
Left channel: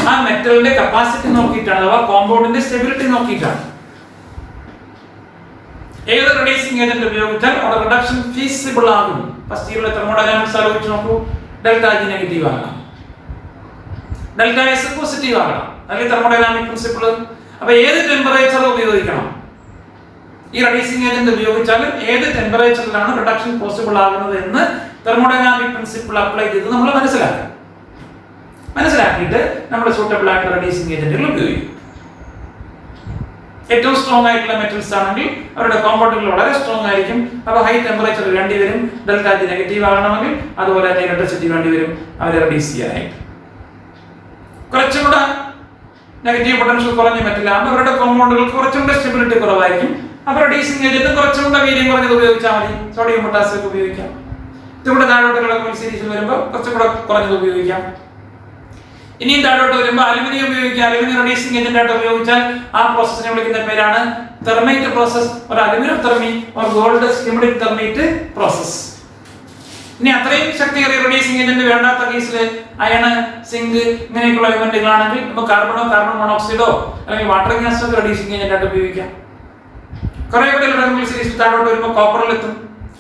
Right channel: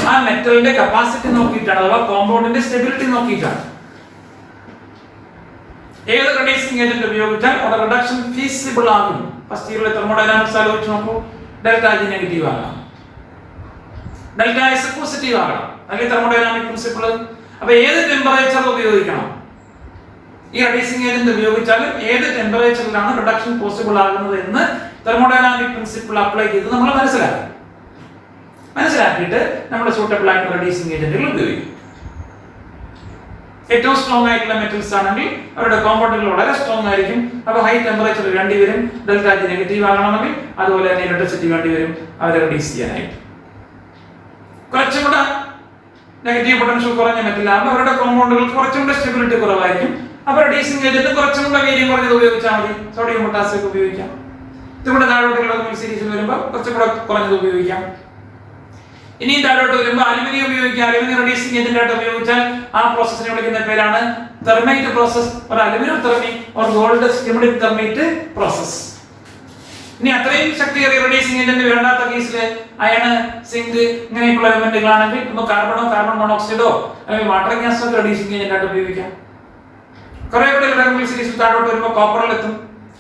ആ മെറ്റലിന്റെ കപ്പാസിറ്റി നോക്കിയിട്ടാണ്, അഥവാ കോമ്പൗണ്ടിന്റെ സ്റ്റെബിലിറ്റി നോക്കിയിട്ടാണ്. ഏത് റെഡ്യൂസിംഗ് ഏജന്റ് ഉപയോഗിച്ചാൽ അവിടെ റിഡക്ഷൻ ഫീസിബിൾ ആകും. ഫസ്റ്റ് ഇയറിലെ തെർമോഡൈനാമിക്സ് ആലോചിച്ച് നോക്കൂ. ഡെൽറ്റ ജി നെഗറ്റീവ് ആകണം, ഡെൽറ്റ എസ് പോസിറ്റീവ് ആകണം, അല്ലെങ്കിൽ തെർമോഡൈനാമിക് പ്രിൻസിപ്പിൾ. അപ്പൊ ഏത് ടെമ്പറേച്ചർ ഉപയോഗിക്കണം, ഈ റെഡ്യൂസിംഗ് ഏജന്റ് ഉപയോഗിച്ചാൽ ഏത് ടെമ്പറേച്ചറിലാണ് റിഡക്ഷൻ പോസിബിൾ ആകുന്നത് എന്ന് തെർമോഡൈനാമിക് പ്രിൻസിപ്പിൾ അപ്ലൈ ചെയ്ത് നമ്മൾ മനസ്സിലാക്കിയിട്ട് നമ്മുടെ സൂട്ടബിൾ ആയിട്ടുള്ള റെഡ്യൂസിംഗ് ഏജന്റുകൾ ഉപയോഗിക്കും. ഏറ്റവും സ്ട്രോങ് ആയിട്ടുള്ള മെറ്റൽസ് ആണെങ്കിൽ അവരുടെ കോമ്പൗണ്ടുകൾ വളരെ സ്ട്രോങ് ആയിരിക്കും. അപ്പോൾ ഹൈ ടെമ്പറേച്ചർ വേണ്ടി വരും, ഡെൽറ്റ ജി നെഗറ്റീവ് ആകണമെങ്കിൽ. അതുപോലെ തന്നെ ഇലക്ട്രിസിറ്റി വേണ്ടി വരും അവരെ റെഡ്യൂസ് ചെയ്യാനായിട്ട്. കുറച്ചുകൂടെ നെഗറ്റീവ് പൊട്ടൻഷ്യൽ കുറഞ്ഞ മെറ്റലാകുമ്പോൾ അവരുടെ കോമ്പൗണ്ടുകൾക്ക് കുറച്ചുകൂടെ സ്റ്റെബിലിറ്റി കുറവായിരിക്കും. അപ്പോൾ റെഡ്യൂസിംഗ് ഏജന്റ് കുറച്ചുകൂടെ വീര്യം കുറഞ്ഞത് ഉപയോഗിച്ചാൽ മതി. സോഡിയം പൊട്ടാസ്യം ഉപയോഗിക്കാം. ഇതുകൂടെ താഴോട്ടുള്ള സീരീസ് വരുമ്പോൾ കുറച്ചുകൂടെ കുറഞ്ഞത് ഉപയോഗിക്കാം. ഇനിയും താഴോട്ട് വരുമ്പോൾ അലുമിനിയം ഉപയോഗിക്കാം. അലുമിനിയം റെഡ്യൂസിംഗ് ഏജന്റ് ആയിട്ട് ഉപയോഗിച്ചാൽ ആ പ്രോസസ്സിനെ വിളിക്കുന്ന പേരാണ് തെർമൈറ്റ് പ്രോസസ്, ഒരു aluminothermy or Goldschmidt thermite process. ഇനി അത്രയും ശക്തിയേറിയ റെഡ്യൂസിംഗ് ഏജന്റ് വേണ്ടാത്ത കേസിൽ അയണ്, സിങ്ക് ഇങ്ങനെയൊക്കെയുള്ള എലമെന്റുകളാണെങ്കിൽ നമുക്ക് കാർബൺ മോണോക്സൈഡോ അല്ലെങ്കിൽ വാട്ടർ ഗ്യാസോ റെഡ്യൂസിംഗ് ഏജന്റ് ആയിട്ട് ഉപയോഗിക്കാം. കുറെ കൂടെ ഇലക്ട്രോണിക് സീരീസ് താഴോട്ട് വരുമ്പോൾ കോപ്പറിലെത്തും.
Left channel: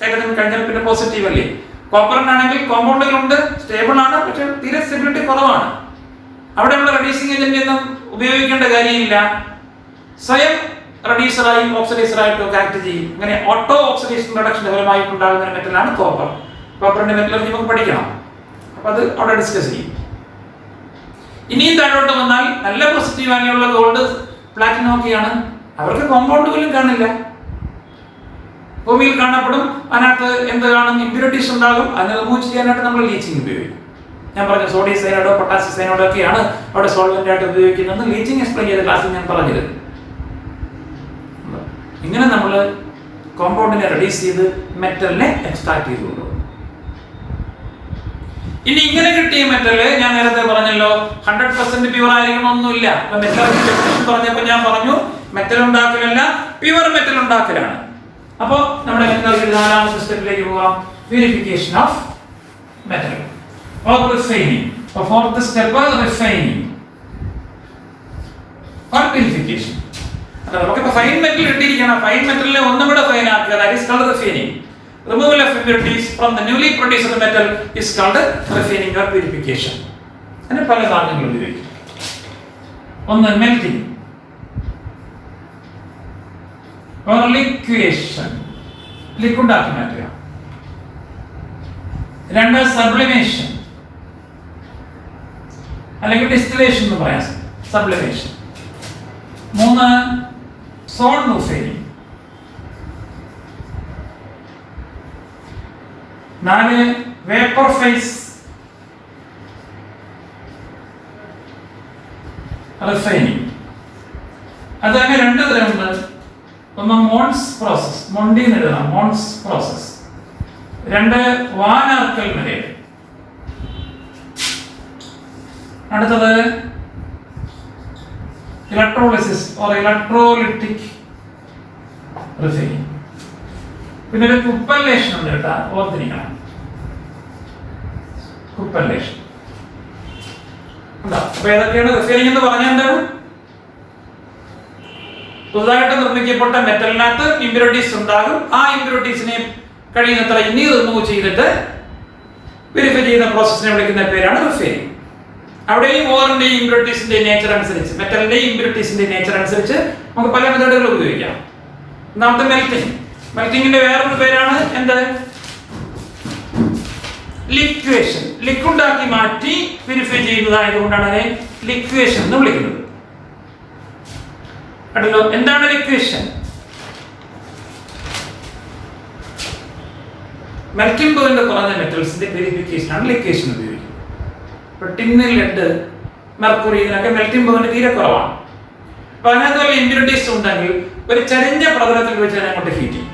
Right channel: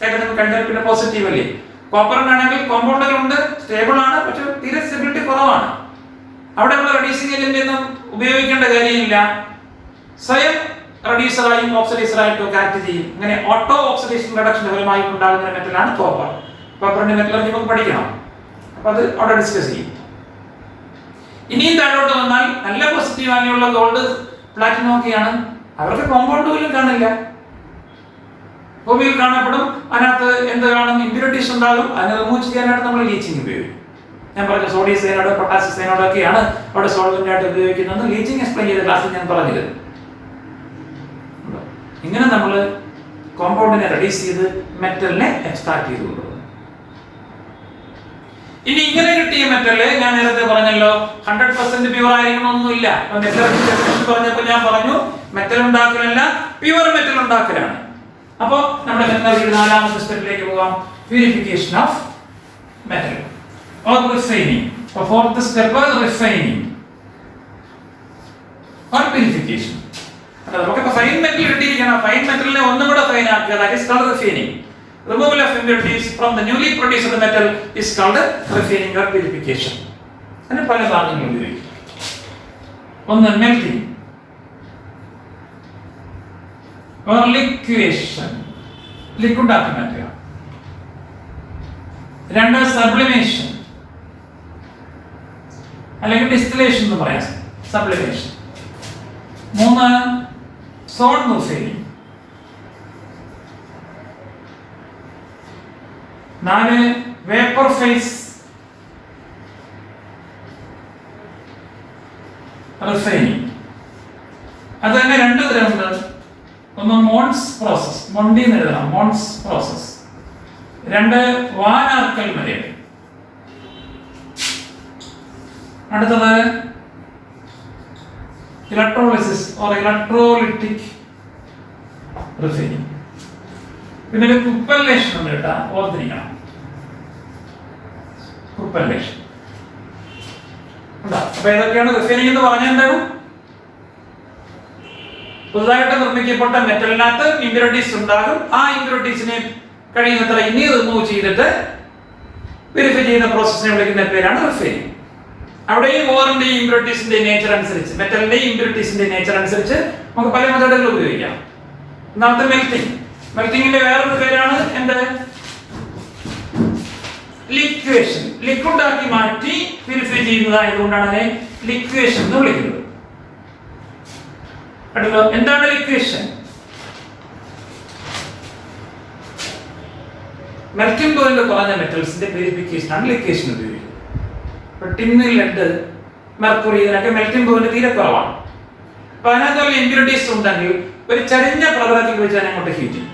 ഏകദേശം കഴിഞ്ഞാൽ പിന്നെ പോസിറ്റീവ് അല്ലേ. കോപ്പറിനാണെങ്കിൽ കോമ്പൗണ്ടുകളുണ്ട്, സ്റ്റേബിൾ ആണ്, പക്ഷെ തീരെ സ്റ്റെബിലിറ്റി കുറവാണ്. അവിടെയുള്ള റെഡ്യൂസിംഗ് ഏജന്റ് ഒന്നും ഉപയോഗിക്കേണ്ട കാര്യമില്ല. സ്വയം റെഡ്യൂസറായും ഓക്സിഡൈസറായിട്ടും ഒക്കെ ആക്ട് ചെയ്യും. അങ്ങനെ ഓട്ടോ ഓക്സിഡേഷൻ റിഡക്ഷൻ ഫലമായിട്ട് ഉണ്ടാകുന്ന മെറ്റലാണ് കോപ്പർ. കോപ്പറിന്റെ മെറ്റലർജി നമുക്ക് പഠിക്കണം, അപ്പൊ അത് അവിടെ ഡിസ്കസ് ചെയ്യും. ഇനിയും താഴോട്ട് വന്നാൽ നല്ല പോസിറ്റീവ് വാല്യുള്ള ഗോൾഡ്, പ്ലാറ്റിനം ഒക്കെയാണ്. അവർക്ക് കോമ്പൗണ്ട് പോലും കാണില്ല, ഭൂമിയിൽ കാണപ്പെടും. അതിനകത്ത് എന്ത് കാണും, ഇമ്പ്യൂരിറ്റീസ് ഉണ്ടാകും. അതിനെ റിമൂവ് ചെയ്യാനായിട്ട് നമ്മൾ ലീച്ചിങ് ഉപയോഗിക്കും. ഞാൻ പറഞ്ഞു സോഡിയം സയനൈഡോ പൊട്ടാസ്യം സയനൈഡോ ഒക്കെയാണ് അവിടെ സോൾവെന്റ് ആയിട്ട് ഉപയോഗിക്കുന്നത്. ലീച്ചിങ് എക്സ്പ്ലെയിൻ ചെയ്ത ക്ലാസ്സിൽ ഞാൻ പറഞ്ഞിരുന്നു. ഇങ്ങനെ നമ്മൾ കോമ്പൗണ്ടിനെ റെഡ്യൂസ് ചെയ്ത് മെറ്റലിനെ എക്സ്ട്രാക്ട് ചെയ്ത് കൊണ്ടുപോകും. ഇനി ഇങ്ങനെ കിട്ടിയ മെറ്റല് ഞാൻ നേരത്തെ പറഞ്ഞല്ലോ 100% പ്യുവർ ആയിരിക്കണമെന്നൊന്നുമില്ല. പറഞ്ഞപ്പോൾ ഞാൻ പറഞ്ഞു മെറ്റൽ ഉണ്ടാക്കലല്ല, പ്യുവർ മെറ്റൽ ഉണ്ടാക്കലാണ്. അപ്പോൾ നമ്മുടെ നാലാമത്തെ സ്റ്റെപ്പിലേക്ക് പോകാം, purification of metal or refining. The fourth step is refining or purification. നമുക്ക് ഫൈൻ മെറ്റൽ കിട്ടിയിരിക്കണം. ഫൈൻ മെറ്റലിനെ ഒന്നും കൂടെ ഫൈൻ ആക്കുക, that is called refining. Removal of impurities from the newly produced metal is called refining or purification. അതിന് പല സാധനങ്ങൾ ഉപയോഗിക്കും. ഒന്ന് melting or liquefaction, liquid ആക്കി മാറ്റുക. രണ്ട് sublimation അല്ലെങ്കിൽ ഡിസ്റ്റിലേഷൻ എന്ന് പറയാം, സബ്ലിമേഷൻ. മൂന്ന് സോൺ റിഫൈനിങ്. നാല് വേപ്പർ ഫേസ് റിഫൈനിങ്. അത് തന്നെ രണ്ട് തരമുണ്ട്. ഒന്ന് മോൺസ് പ്രോസസ്, മൊണ്ടി എന്ന് എഴുതണം, മോൺസ് പ്രോസസ്. രണ്ട് വാൻ ആർക്കൽ മെത്തേഡ്. അടുത്തത് ഇലക്ട്രോളിസിസ് ഓർ ഇലക്ട്രോലിറ്റിക് റിഫൈനിങ്. പിന്നെ ഒരു കുപ്പല്ലേഷൻ ഉണ്ട് കേട്ടോ, ഓർത്തിരിക്കണം. കുപ്പല്ലേഷൻ. അപ്പൊ ഏതൊക്കെയാണ് റിഫൈനിങ് എന്ന് പറഞ്ഞാൽ എന്താണ്? പുതുതായിട്ട് നിർമ്മിക്കപ്പെട്ട മെറ്റലിനകത്ത് ഇമ്പ്യൂരിറ്റീസ് ഉണ്ടാകും. ആ ഇമ്പ്യൂരിറ്റീസിനെ കഴിയുന്നത്ര ഇനി റിമൂവ് ചെയ്തിട്ട് വെരിഫൈ ചെയ്യുന്ന പ്രോസസ്സിനെ വിളിക്കുന്ന പേരാണ് റിഫൈനിങ്. അവിടെയും ഓറിന്റെയും ഇമ്പ്യൂരിറ്റീസിന്റെ നേച്ചർ അനുസരിച്ച്, മെറ്റലിന്റെയും ഇമ്പ്യൂരിറ്റീസിന്റെ നേച്ചർ അനുസരിച്ച് നമുക്ക് പല മെത്തേഡുകൾ ഉപയോഗിക്കാം. ഒന്നാമത്തെ മെൽറ്റിംഗ്. മെൽറ്റിംഗിന്റെ വേറൊരു പേരാണ് എന്ത്? ലിക്വേഷൻ. ലിക്വിഡ് ആക്കി മാറ്റി പ്യൂരിഫൈ ചെയ്യുന്നതായതുകൊണ്ടാണ് അതിനെ ലിക്വേഷൻ എന്ന് വിളിക്കുന്നത്. അടുത്തോ, എന്താണ് ലിക്വേഷൻ? മെൽറ്റിംഗ് പോയിന്റ് കുറഞ്ഞ മെറ്റൽസിന്റെ പ്യൂരിഫിക്കേഷൻ ആണ് ലിക്വേഷൻ ഉപയോഗിക്കുന്നത്. ഇപ്പൊ ടിന്ന്, ലെഡ്, മെർക്കുറി ഇതിനൊക്കെ മെൽറ്റിംഗ് പോയിന്റ് തീരെ കുറവാണ്. അപ്പൊ അതിനകത്ത് വല്ല ഇമ്പ്യൂരിറ്റീസ് ഉണ്ടെങ്കിൽ ഒരു ചരിഞ്ഞ പ്രതലത്തിൽ വെച്ച് തന്നെ അങ്ങോട്ട് ഹീറ്റ് ചെയ്യും.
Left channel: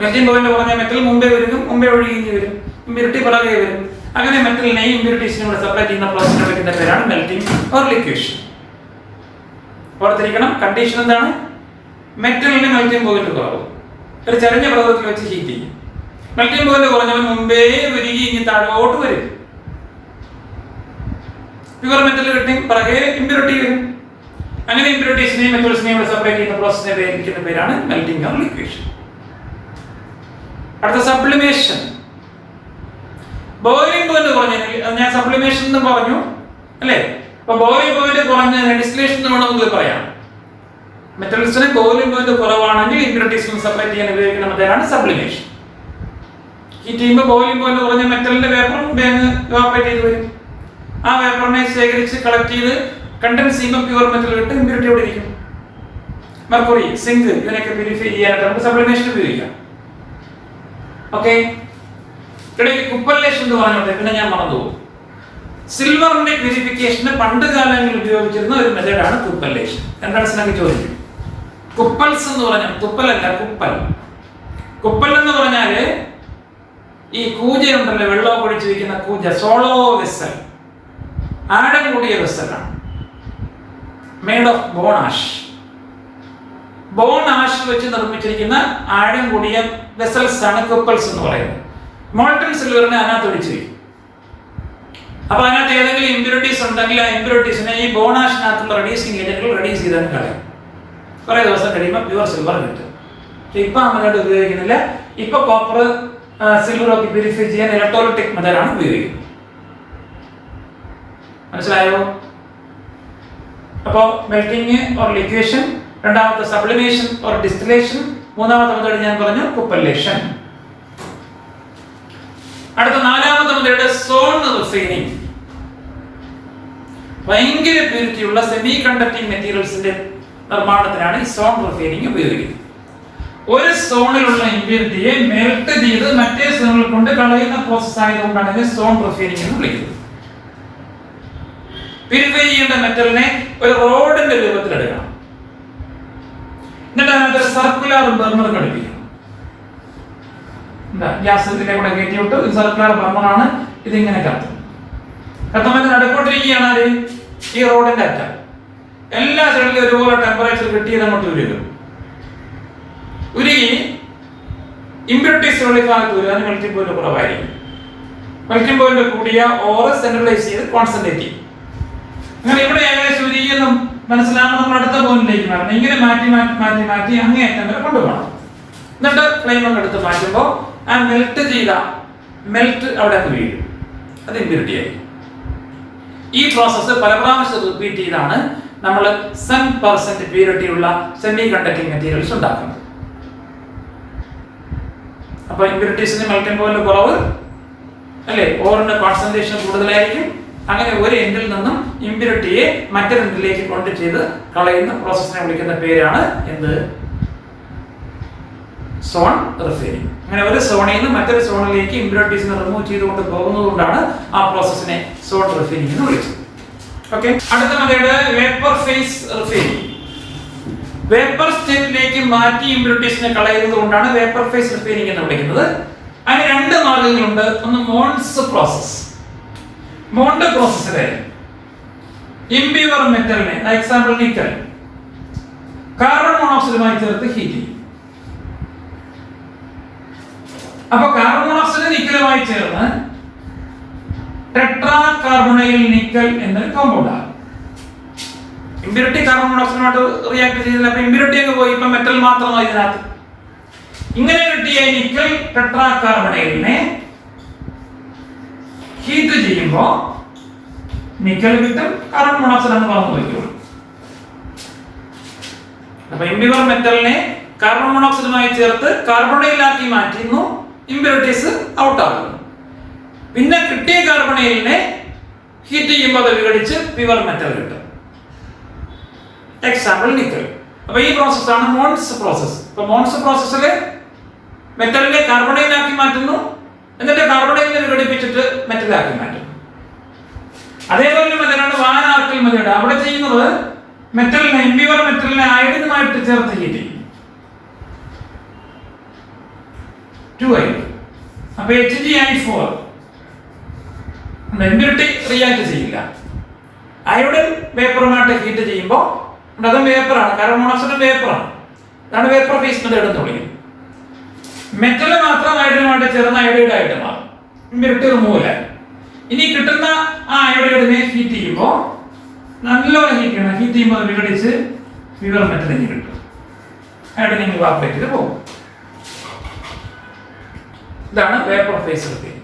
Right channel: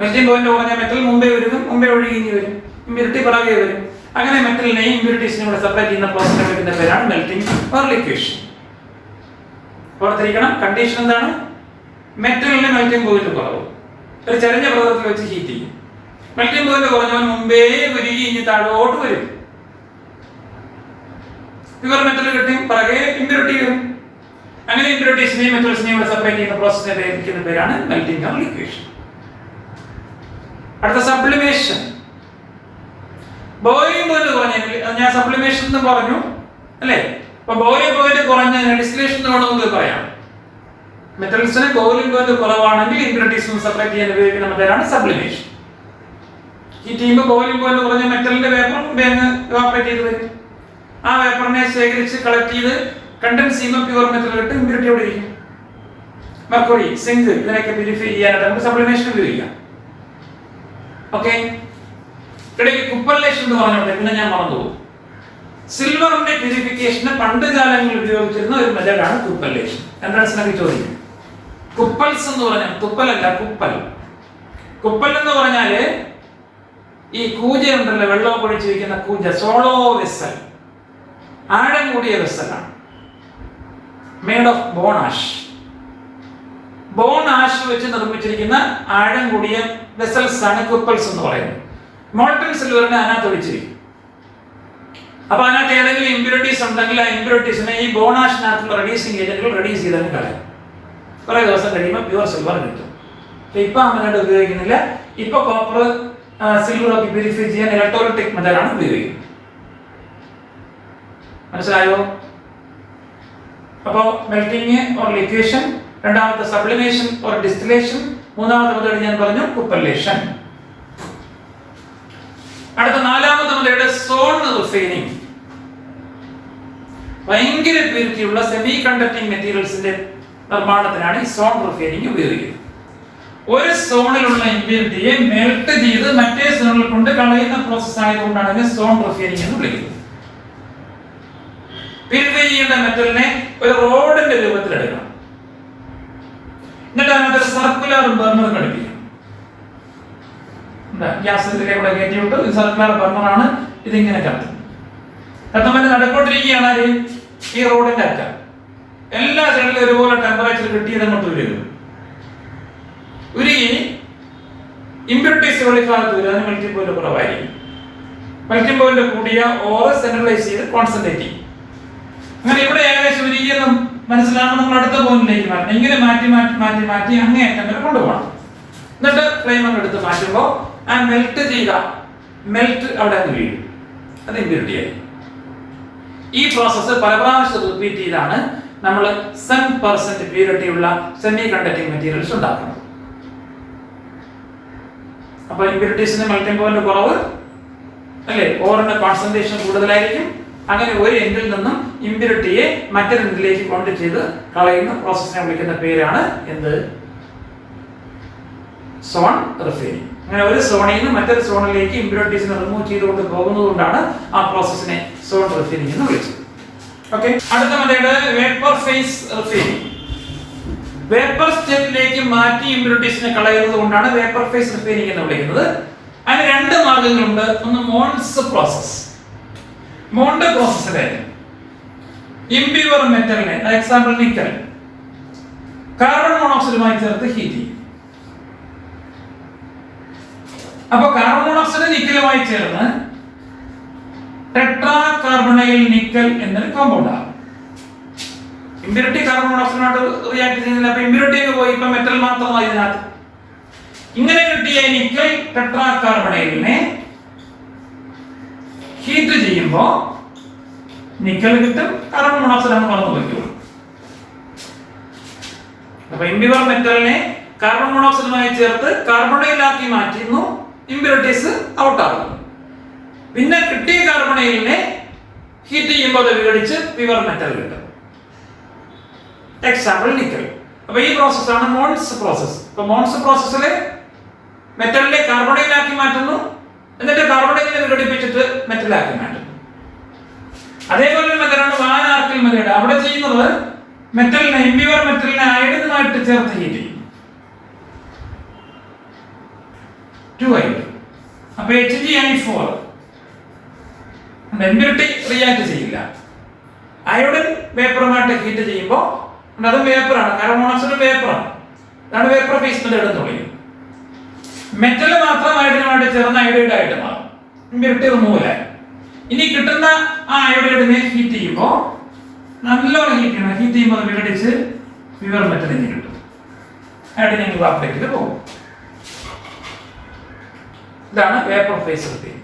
മെൽറ്റിംഗ് പോയിന്റ് കുറഞ്ഞ മെറ്റൽ മുമ്പേ വരും, മുമ്പേ ഒഴുകി വരും, ഇമ്പ്യൂരിറ്റി പിറകെ വരും. അങ്ങനെ മെറ്റലിനെയും ഇമ്പ്യൂരിറ്റീസിനെയും കൂടെ സെപ്പറേറ്റ് ചെയ്യുന്ന പ്രോസസ്സിനെ വിളിക്കുന്ന പേരാണ് മെൽറ്റിംഗ് ഓർ ലിക്വേഷൻ. ഓർത്തിരിക്കണം, കണ്ടീഷൻ എന്താണ്? മെറ്റലിന്റെ മെൽറ്റിംഗ് പോയിന്റ് കുറവ്, ഒരു ചരിഞ്ഞ പ്രതലത്തിൽ വെച്ച് ഹീറ്റ് ചെയ്യും. മെൽറ്റിംഗ് പോയിന്റ് കുറഞ്ഞവൻ മുമ്പേ ഉരുകി ഇനി താഴോട്ട് വരും. പ്യുവർ മെറ്റൽ കിട്ടി പിറകെ ഇമ്പ്യൂരിറ്റി വരും. അങ്ങനെ ഇമ്പ്യൂരിറ്റീസിനെയും മെറ്റൽസിനെയും കൂടെ സെപ്പറേറ്റ് ചെയ്യുന്ന പ്രോസസ്സിനെ വിളിക്കുന്ന പേരാണ് മെൽറ്റിംഗ് ഓർ ലിക്വേഷൻ. അടുത്ത സബ്ലിമേഷൻ. ബോയിലിംഗ് പോയിന്റ് കുറഞ്ഞെങ്കിൽ, ഞാൻ സബ്ലിമേഷൻ എന്ന് പറഞ്ഞു അല്ലേ? അപ്പൊ ബോയിലിംഗ് പോയിന്റ് കുറഞ്ഞ ഡിസ്റ്റിലേഷൻ എന്ന് വേണമെങ്കിൽ പറയാം. മെറ്റൽസിന് ബോയിലിംഗ് പോയിന്റ് കുറവാണെങ്കിൽ ഇമ്പ്യൂരിറ്റീസിനെ സെപ്പറേറ്റ് ചെയ്യാൻ ഉപയോഗിക്കുന്ന മെത്തേഡാണ് സബ്ലിമേഷൻ. ഹീറ്റ് ചെയ്യുമ്പോൾ ബോയിലിംഗ് പോയിന്റ് കുറഞ്ഞ മെറ്റലിന്റെ വേപ്പർ ഇവാപ്പറേറ്റ് ചെയ്ത് വരും. ആ വേപ്പറിനെ ശേഖരിച്ച് കളക്ട് ചെയ്ത് കണ്ടൻസ് ചെയ്യുമ്പോൾ പ്യുവർ മെറ്റൽ കിട്ടും, ഇമ്പ്യൂരിറ്റി അവിടെ ഇരിക്കും. മെർക്കുറി, സിങ്ക് ഇതിനൊക്കെ പ്യൂരിഫൈ ചെയ്യാനായിട്ട് നമുക്ക് സബ്ലിമേഷൻ ഉപയോഗിക്കാം. ഓക്കെ, ഇടയ്ക്ക് കുപ്പല്ലേഷൻ എന്ന് പറഞ്ഞോട്ടെ, പിന്നെ ഞാൻ മറന്നുപോകും. സിൽവറിന്റെ പ്യൂരിഫിക്കേഷന് പണ്ട് കാലങ്ങളിൽ ഉപയോഗിച്ചിരുന്ന ഒരു മെത്തേഡാണ് കുപ്പല്ലേഷൻ. എൻട്രൻസിനൊക്കെ ചോദിക്കും. കുപ്പൽസ് എന്ന് പറഞ്ഞാൽ, കുപ്പലല്ല കുപ്പൽ. കുപ്പൽ എന്ന് പറഞ്ഞാല് ഈ കൂജയുണ്ടല്ലോ, വെള്ളം ഒഴിച്ച് വയ്ക്കുന്ന കൂജ, സോളോ വെസൽ, ആഴം കൂടിയ വെസലാണ്. Made of bone ash. Bone ash വെച്ച് നിർമ്മിച്ചിരിക്കുന്ന ആഴം കൂടിയ വെസൽസ് ആണ് കുപ്പൽസ് എന്ന് പറയുന്നത്. മോൾട്ടൺ സിൽവറിനെ അതിനകത്ത് ഒഴിച്ചിരിക്കും. അപ്പൊ അതിനകത്ത് ഏതെങ്കിലും ഇമ്പ്യൂരിറ്റീസ് ഉണ്ടെങ്കിൽ ആ ഇമ്പ്യൂരിറ്റീസിനെ ഈ ബോണാഷിനകത്തുള്ള റെഡ്യൂസിങ് ഏജന്റുകൾ റെഡ്യൂസ് ചെയ്താൽ കളയാം. കുറെ ദിവസം കഴിയുമ്പോൾ പ്യുവർ സിൽവർ കിട്ടും. പക്ഷെ ഇപ്പൊ ആ മെത്തേഡ് ഉപയോഗിക്കുന്നില്ല. ഇപ്പൊ കോപ്പർ, സിൽവർ ഒക്കെ പ്യൂരിഫൈ ചെയ്യാൻ ഇലക്ട്രോലിറ്റിക് മെത്തേഡാണ് ഉപയോഗിക്കുന്നത്. മനസ്സിലായോ? അപ്പോ മെൽറ്റിംഗ് ഓർ ലിക്വേഷൻ, രണ്ടാമത്തെ സബ്ലിമേഷൻ ഓർ ഡിസ്റ്റിലേഷൻ, മൂന്നാമത്തെ മെത്തേഡ് ഞാൻ പറഞ്ഞു കുപ്പല്ലേഷൻ. അടുത്ത നാലാമത്തെ മെത്തേഡ് സോൺ റിഫൈനിങ്. ഭയങ്കര പ്യൂരിറ്റി ഉള്ള സെമി കണ്ടക്ടിങ് മെറ്റീരിയൽസിന്റെ നിർമ്മാണത്തിനാണ് ഈ സോൺ റിഫൈനിങ് ഉപയോഗിക്കുന്നത്. ഒരു സോണിലുള്ള ഇമ്പ്യൂരിറ്റിയെ മെൽറ്റ് ചെയ്ത് മറ്റേ സോണിൽ കൊണ്ട് കളയുന്ന പ്രോസസ് ആയതുകൊണ്ടാണ് ഇതിനെ സോൺ റിഫൈനിങ് എന്ന് വിളിക്കുന്നത്. പ്യൂരിഫൈ ചെയ്യേണ്ട മെറ്റലിനെ ഒരു റോഡിന്റെ രൂപത്തിൽ എടുക്കണം. എന്നിട്ട് അതിനകത്ത് സർക്കുലർ ബർണർ ഘടിപ്പിക്കണം. ഗ്യാസ് ഇതിലെ കൂടെ കയറ്റി വിട്ട് ഒരു സർക്കുലർ ബർണറാണ് ഇതിങ്ങനെ കത്തും. കത്തുമ്പോൾ നടക്കൊണ്ടിരിക്കുകയാണ് ഈ റോഡിന്റെ അറ്റം. എല്ലാ സൈഡിലും ഒരുപോലെ ടെമ്പറേച്ചർ കിട്ടിയത് അങ്ങോട്ട് ഉരുകും. ഉരുകി ഇമ്പ്യൂരിറ്റീസ് വെളിഭാഗത്ത് വരും. അതിന് മെൽറ്റിംഗ് പോയിന്റ് കുറവായിരിക്കും. മെൽറ്റിംഗ് പോയിന്റ് കൂടിയ ഓറ് സെൻട്രലൈസ് ചെയ്ത് കോൺസെൻട്രേറ്റ് ചെയ്യും. അങ്ങനെ ഇവിടെ ഏകദേശം ഉരുകിയെന്നും മനസ്സിലാകുമ്പോൾ നമ്മൾ അടുത്ത പോയിന്റിലേക്ക് മാറ്റണം. ഇങ്ങനെ മാറ്റി മാറ്റി മാറ്റി മാറ്റി അങ്ങേയറ്റം വരെ കൊണ്ടുപോകണം. എന്നിട്ട് ഫ്ലെയിം അങ്ങ് എടുത്ത് മാറ്റുമ്പോൾ ആ മെൽറ്റ് ചെയ്ത മെൽറ്റ് അവിടെ അങ്ങ് വീഴും. അത് ഇമ്പ്യൂരിറ്റി ആയി. ഈ പ്രോസസ്സ് പല പ്രാവശ്യം റിപ്പീറ്റ് ചെയ്താണ് നമ്മൾ 7% പ്യൂരിറ്റി ഉള്ള സെമി കണ്ടക്ടിങ് മെറ്റീരിയൽസ് ഉണ്ടാക്കുന്നത്. അപ്പൊ ഇമ്പ്യൂരിറ്റീസിന് മെൽറ്റിംഗ് പോയിന്റ് കുറവ് അല്ലേ, ഓറിന്റെ കോൺസെൻട്രേഷൻ കൂടുതലായിരിക്കും. അങ്ങനെ ഒരു എൻഡിൽ നിന്നും ഇമ്പ്യൂരിറ്റിയെ മറ്റൊരു എൻഡിലേക്ക് കൊണ്ട് ചെയ്ത് കളയുന്ന പ്രോസസ്സിനെ വിളിക്കുന്ന പേരാണ് എന്ത്? Zone refining. അങ്ങനെ ഒരു സോണിൽ നിന്ന് മറ്റൊരു സോണിലേക്ക് ഇമ്പ്യൂരിറ്റീസിനെ റിമൂവ് ചെയ്തുകൊണ്ട് പോകുന്നതുകൊണ്ടാണ് ആ പ്രോസസ്സിനെ സോൺ റിഫൈനിങ് എന്ന് വിളിച്ചത്. ഓക്കെ, അടുത്ത method vapour face refining. Vapour സ്റ്റേറ്റിലേക്ക് മാറ്റി ഇമ്പ്യൂരിറ്റീസിനെ കളയുന്നത് കൊണ്ടാണ് വേപ്പർ ഫേസ് റിഫൈനിങ് എന്ന് വിളിക്കുന്നത്. അതിന് രണ്ട് മാർഗങ്ങളുണ്ട്. ഒന്ന് മോൺസ് പ്രോസസ്. മോണ്ട് പ്രോസസ്സിലെ ഇംപ്യൂർ മെറ്റലിനെ, എക്സാമ്പിൾ നിക്കൽ, കാർബൺ മോണോക്സൈഡുമായി ചേർത്ത് ഹീറ്റ് ചെയ്യും. അപ്പൊ കാർബൺ മോണോക്സൈഡ് നിക്കലുമായി ചേർന്ന് ടെട്രാ കാർബണൈൽ നിക്കൽ എന്നൊരു കോമ്പൗണ്ട് ആണ്. ഇമ്പ്യൂരിറ്റി കാർബൺ മോണോക്സൈഡുമായിട്ട് റിയാക്ട് ചെയ്യുന്നില്ല. അപ്പൊ ഇമ്പ്യൂരിറ്റി ഒക്കെ പോയി, ഇപ്പൊ മെറ്റൽ മാത്രമായി ഇതിനകത്ത്. ഇങ്ങനെ കിട്ടിയ നിക്കൽ ടെട്രാ കാർബണൈലിനെ ഹീറ്റ് ചെയ്യുമ്പോ നിക്കൽ കിട്ടും, കാർബൺ മോണോക്സൈഡ് ആണ് പറഞ്ഞു വയ്ക്കുള്ളൂ. അപ്പൊ ഇമ്പ്യൂർ മെറ്റലിനെ കാർബൺ മോണോക്സൈഡുമായി ചേർത്ത് കാർബണൈലാക്കി മാറ്റുന്നു, ഇമ്പ്യൂരിറ്റീസ് ഔട്ട് ആകുന്നു. പിന്നെ കിട്ടിയ കാർബണൈലിനെ ഹീറ്റ് ചെയ്യുമ്പോൾ അത് വിഘടിച്ച് പ്യുവർ മെറ്റൽ കിട്ടും. Example nickel. അപ്പൊ ഈ പ്രോസസ്സാണ് മോൺസ് പ്രോസസ്. അപ്പൊ മോൺസ് പ്രോസസ്സിൽ മെറ്റലിനെ കാർബണൈലാക്കി മാറ്റുന്നു, എന്നിട്ട് കാർബണൈലിനെ വിഘടിപ്പിച്ചിട്ട് മെറ്റലാക്കി മാറ്റുന്നു. അതേപോലെ മെത്തഡാണ് വാൻ ആർക്കൽ മെത്തേഡ്. അവിടെ ചെയ്യുന്നത് മെറ്റലിനെ, ഇമ്പ്യൂർ മെറ്റലിനെ അയഡിനുമായിട്ട് ചേർത്ത് ഹീറ്റ് ചെയ്യും. 2i. അപ്പൊ HgI4 ഇമ്പ്യൂരിറ്റി റിയാക്ട് ചെയ്യില്ല. അയോഡിൻ വേപ്പറുമായിട്ട് ഹീറ്റ് ചെയ്യുമ്പോൾ അതും വേപ്പറാണ്, കാർബൺ മോണോക്സൈഡ് വേപ്പറാണ്. അതാണ് വേപ്പർ ഫേസ് മെത്തേഡ് എന്ന് പറയുന്നത്. മെറ്റൽ മാത്രം അയോഡിനുമായിട്ട് ചേർന്ന് അയോഡൈഡ് ആയിട്ട് മാറും, ഇമ്പ്യൂരിറ്റി റിമൂവൽ ആയി. ഇനി കിട്ടുന്ന ആ അയോഡൈഡിനെ ഹീറ്റ് ചെയ്യുമ്പോൾ നല്ലോണം ഹീറ്റ് ചെയ്യണം. ഹീറ്റ് ചെയ്യുമ്പോൾ വിഘടിച്ച് പ്യുവർ മെറ്റലിന് കിട്ടും. അയോഡിൻ ഇവാപറേറ്റ് ചെയ്ത് പോകും. ഇതാണ് vapour face repeat.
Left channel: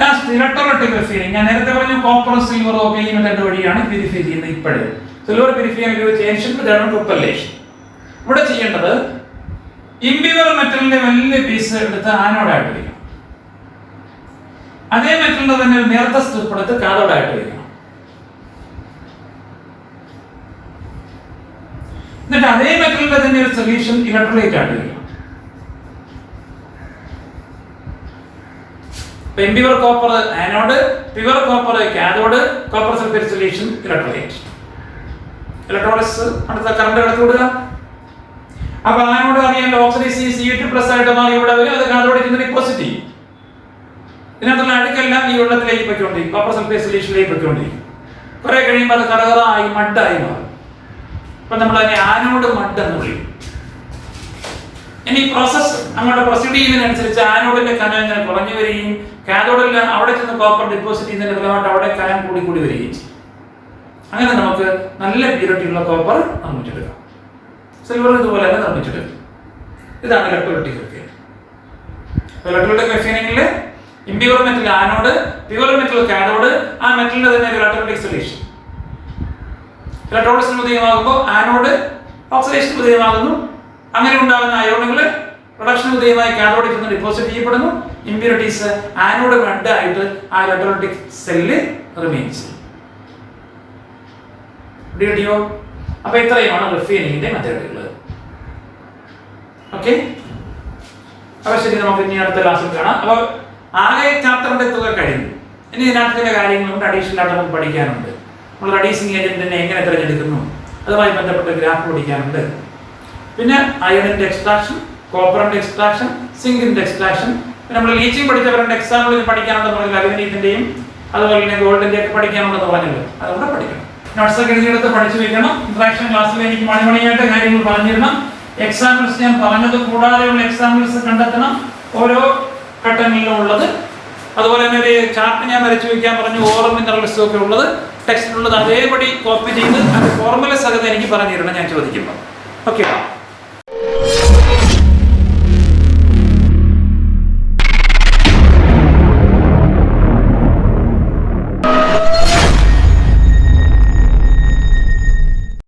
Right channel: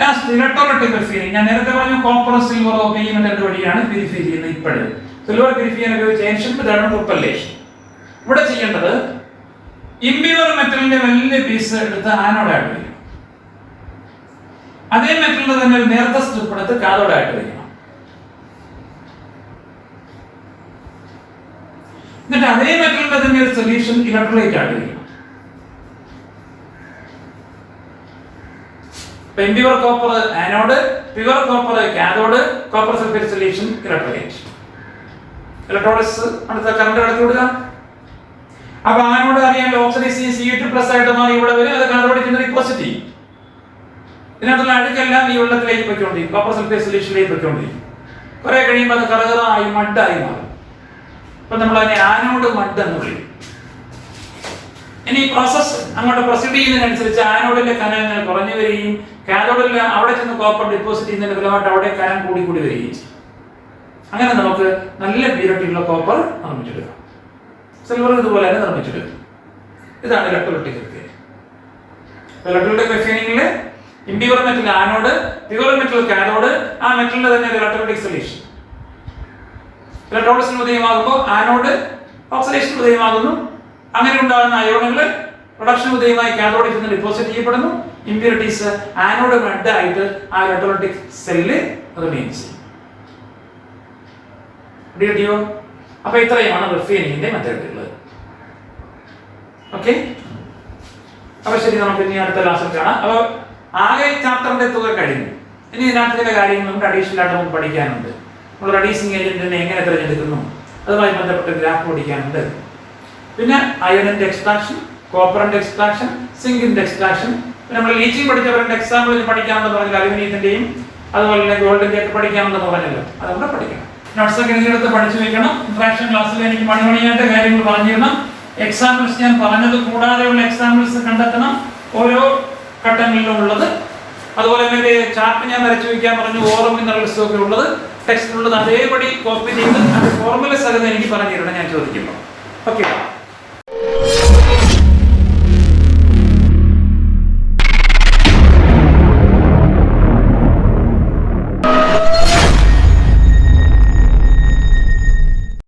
Last electrolytic refining. ഞാൻ നേരത്തെ പറഞ്ഞു കോപ്പർ സിൽവർ ഒക്കെ ഈ മെത്തേഡ് വഴിയാണ് പ്യൂരിഫൈ ചെയ്യുന്നത്. ഇപ്പോഴും സിൽവർ പ്യൂരിഫൈ ചെയ്യാൻ ഉപയോഗിച്ച ഏൻഷ്യന്റ് മെത്തേഡാണ് ട്രിപ്പലേഷൻ. ഇവിടെ ചെയ്യേണ്ടത് ഇമ്പ്യൂർ മെറ്റലിന്റെ വലിയ പീസ് എടുത്ത് ആനോഡായിട്ട് വയ്ക്കണം. അതേ മെറ്റലിന്റെ തന്നെ ഒരു നേർത്ത സ്ട്രിപ്പ് എടുത്ത് കാഥോഡായിട്ട് വയ്ക്കണം. എന്നിട്ട് അതേ മെറ്റലിന്റെ തന്നെ ഒരു സൊല്യൂഷൻ ഇലക്ട്രോലൈറ്റ് ആയിട്ട് വയ്ക്കണം. Impure copper anode, pure copper cathode, copper sulphate solution electrolyte. Electrolysis അടുത്ത കറണ്ട് കടത്തി വിടുക. അപ്പൊ ആനോഡ് അറിയാൻ ഓക്സിഡൈസ് Cu2+ ആയിട്ട് മാറി ഇവിടെ വരെ അത് കാഥോഡിന് ഡിപ്പോസിറ്റ് ചെയ്യും. ഇതിനകത്തുള്ള അഴുക്കെല്ലാം ഈ വെള്ളത്തിലേക്ക് പൊയ്ക്കൊണ്ടിരിക്കും, കോപ്പർ സൾഫേറ്റ് സൊല്യൂഷനിലേക്ക് പൊയ്ക്കൊണ്ടിരിക്കും. കുറെ കഴിയുമ്പോൾ അത് കറകറായി മഡായി മാറും. അപ്പൊ നമ്മൾ അതിനെ ആനോഡ് മഡ് എന്ന് വിളിക്കും. ഇനി പ്രോസസ് അങ്ങോട്ട് പ്രൊസീഡ് ചെയ്യുന്നതിനനുസരിച്ച് ആനോഡിന്റെ കനം ഇങ്ങനെ കുറഞ്ഞു വരികയും കാഥോഡിൽ അവിടെ ചെന്ന് കോപ്പർ ഡിപ്പോസിറ്റ് ചെയ്യുന്നതിന്റെ ഫലമായിട്ട് അവിടെ കനം കൂടി കൂടി വരികയും ചെയ്യും. അങ്ങനെ നമുക്ക് നല്ല പ്യൂരിറ്റിയുള്ള കോപ്പർ നിർമ്മിച്ചെടുക്കാം. സിൽവർ ഇതുപോലെ തന്നെ നിർമ്മിച്ചെടുക്കും. ഇതാണ് ഇലക്ട്രോലൈറ്റിക് റിഫൈനിങ്. ഇലക്ട്രോലൈറ്റിക് റിഫൈനിങ്ങിൽ impure metal anode, pure metal cathode, ആ മെറ്റലിന്റെ തന്നെ ഇലക്ട്രോലൈറ്റിക് സൊല്യൂഷൻ. ഇലക്ട്രോളിസിന് ഉദയമാകുമ്പോൾ ആനോഡ് ഓക്സിഡേഷൻ ഉദയമാകുന്നു. അങ്ങനെ ഉണ്ടാകുന്ന അയോണുകൾ പ്രൊഡക്ഷൻ ഉദയമായി കാഥോഡിൽ നിന്ന് ഡിപ്പോസിറ്റ് ചെയ്യപ്പെടുന്നു. ഇമ്പ്യൂരിറ്റീസ് ആനോഡ് മഡ് ആയിട്ട് ആ ഇലക്ട്രോലൈറ്റിക് സെല്ലിൽ റിമെയിൻ ചെയ്യും. ഡിയോ. അപ്പൊ ഇത്രയുമാണ് റിഫൈനിങ്ങിന്റെ മെത്തേഡുകൾ. ഓക്കെ, അപ്പൊ ശരി, നമുക്ക് ഇനി അടുത്ത ക്ലാസ്സിൽ കാണാം. അപ്പൊ ആകെ ചാപ്റ്ററിന്റെ തുക കഴിഞ്ഞു. ഇനി ഇതിനകത്തുള്ള കാര്യങ്ങളും അഡീഷണൽ ആയിട്ട് നമുക്ക് പഠിക്കാനുണ്ട്. നമ്മൾ റെഡ്യൂസിങ് ഏജന്റിനെ എങ്ങനെ തിരഞ്ഞെടുക്കുന്നു, അതുമായി ബന്ധപ്പെട്ട ഗ്രാഫ് പഠിക്കാനുണ്ട്. പിന്നെ അയണിന്റെ എക്സ്ട്രാക്ഷൻ, കോപ്പറിന്റെ എക്സ്ട്രാക്ഷൻ, സിങ്കിന്റെ എക്സ്ട്രാക്ഷൻ, പിന്നെ നമ്മൾ ലീച്ചിങ് പഠിച്ചവരുടെ എക്സാമ്പിൾ പഠിക്കാനുണ്ടെന്ന് പറഞ്ഞാൽ അലുമിനിയത്തിന്റെയും അതുപോലെ തന്നെ ഗോൾഡിന്റെ ഒക്കെ പഠിക്കാനുണ്ടെന്ന് പറഞ്ഞല്ലോ, അതുകൊണ്ട് പഠിക്കണം. നോട്ട്സ് ഒക്കെ എടുത്ത് പഠിച്ചു വെക്കണം. ഇൻട്രാക്ഷൻ ക്ലാസ്സിൽ എനിക്ക് മണിമണിയായിട്ട് കാര്യങ്ങൾ പറഞ്ഞിരുന്നു. എക്സാമ്പിൾസ് ഞാൻ പറഞ്ഞത് കൂടാതെയുള്ള എക്സാമ്പിൾസ് കണ്ടെത്തണം, ഓരോ ഘട്ടങ്ങളിലും ഉള്ളത്. അതുപോലെ തന്നെ ഒരു ചാർട്ട് ഞാൻ വരച്ചു വയ്ക്കാൻ പറഞ്ഞു, ഓറം മിനറൽസും ഒക്കെ ഉള്ളത്, ടെക്സ്റ്റ് ഉള്ളത് അതേപടി കോപ്പി ചെയ്ത് ഫോർമുല സഹിതം എനിക്ക് പറഞ്ഞിരുന്നു ഞാൻ ചോദിക്കുമ്പോൾ. ഓക്കെ.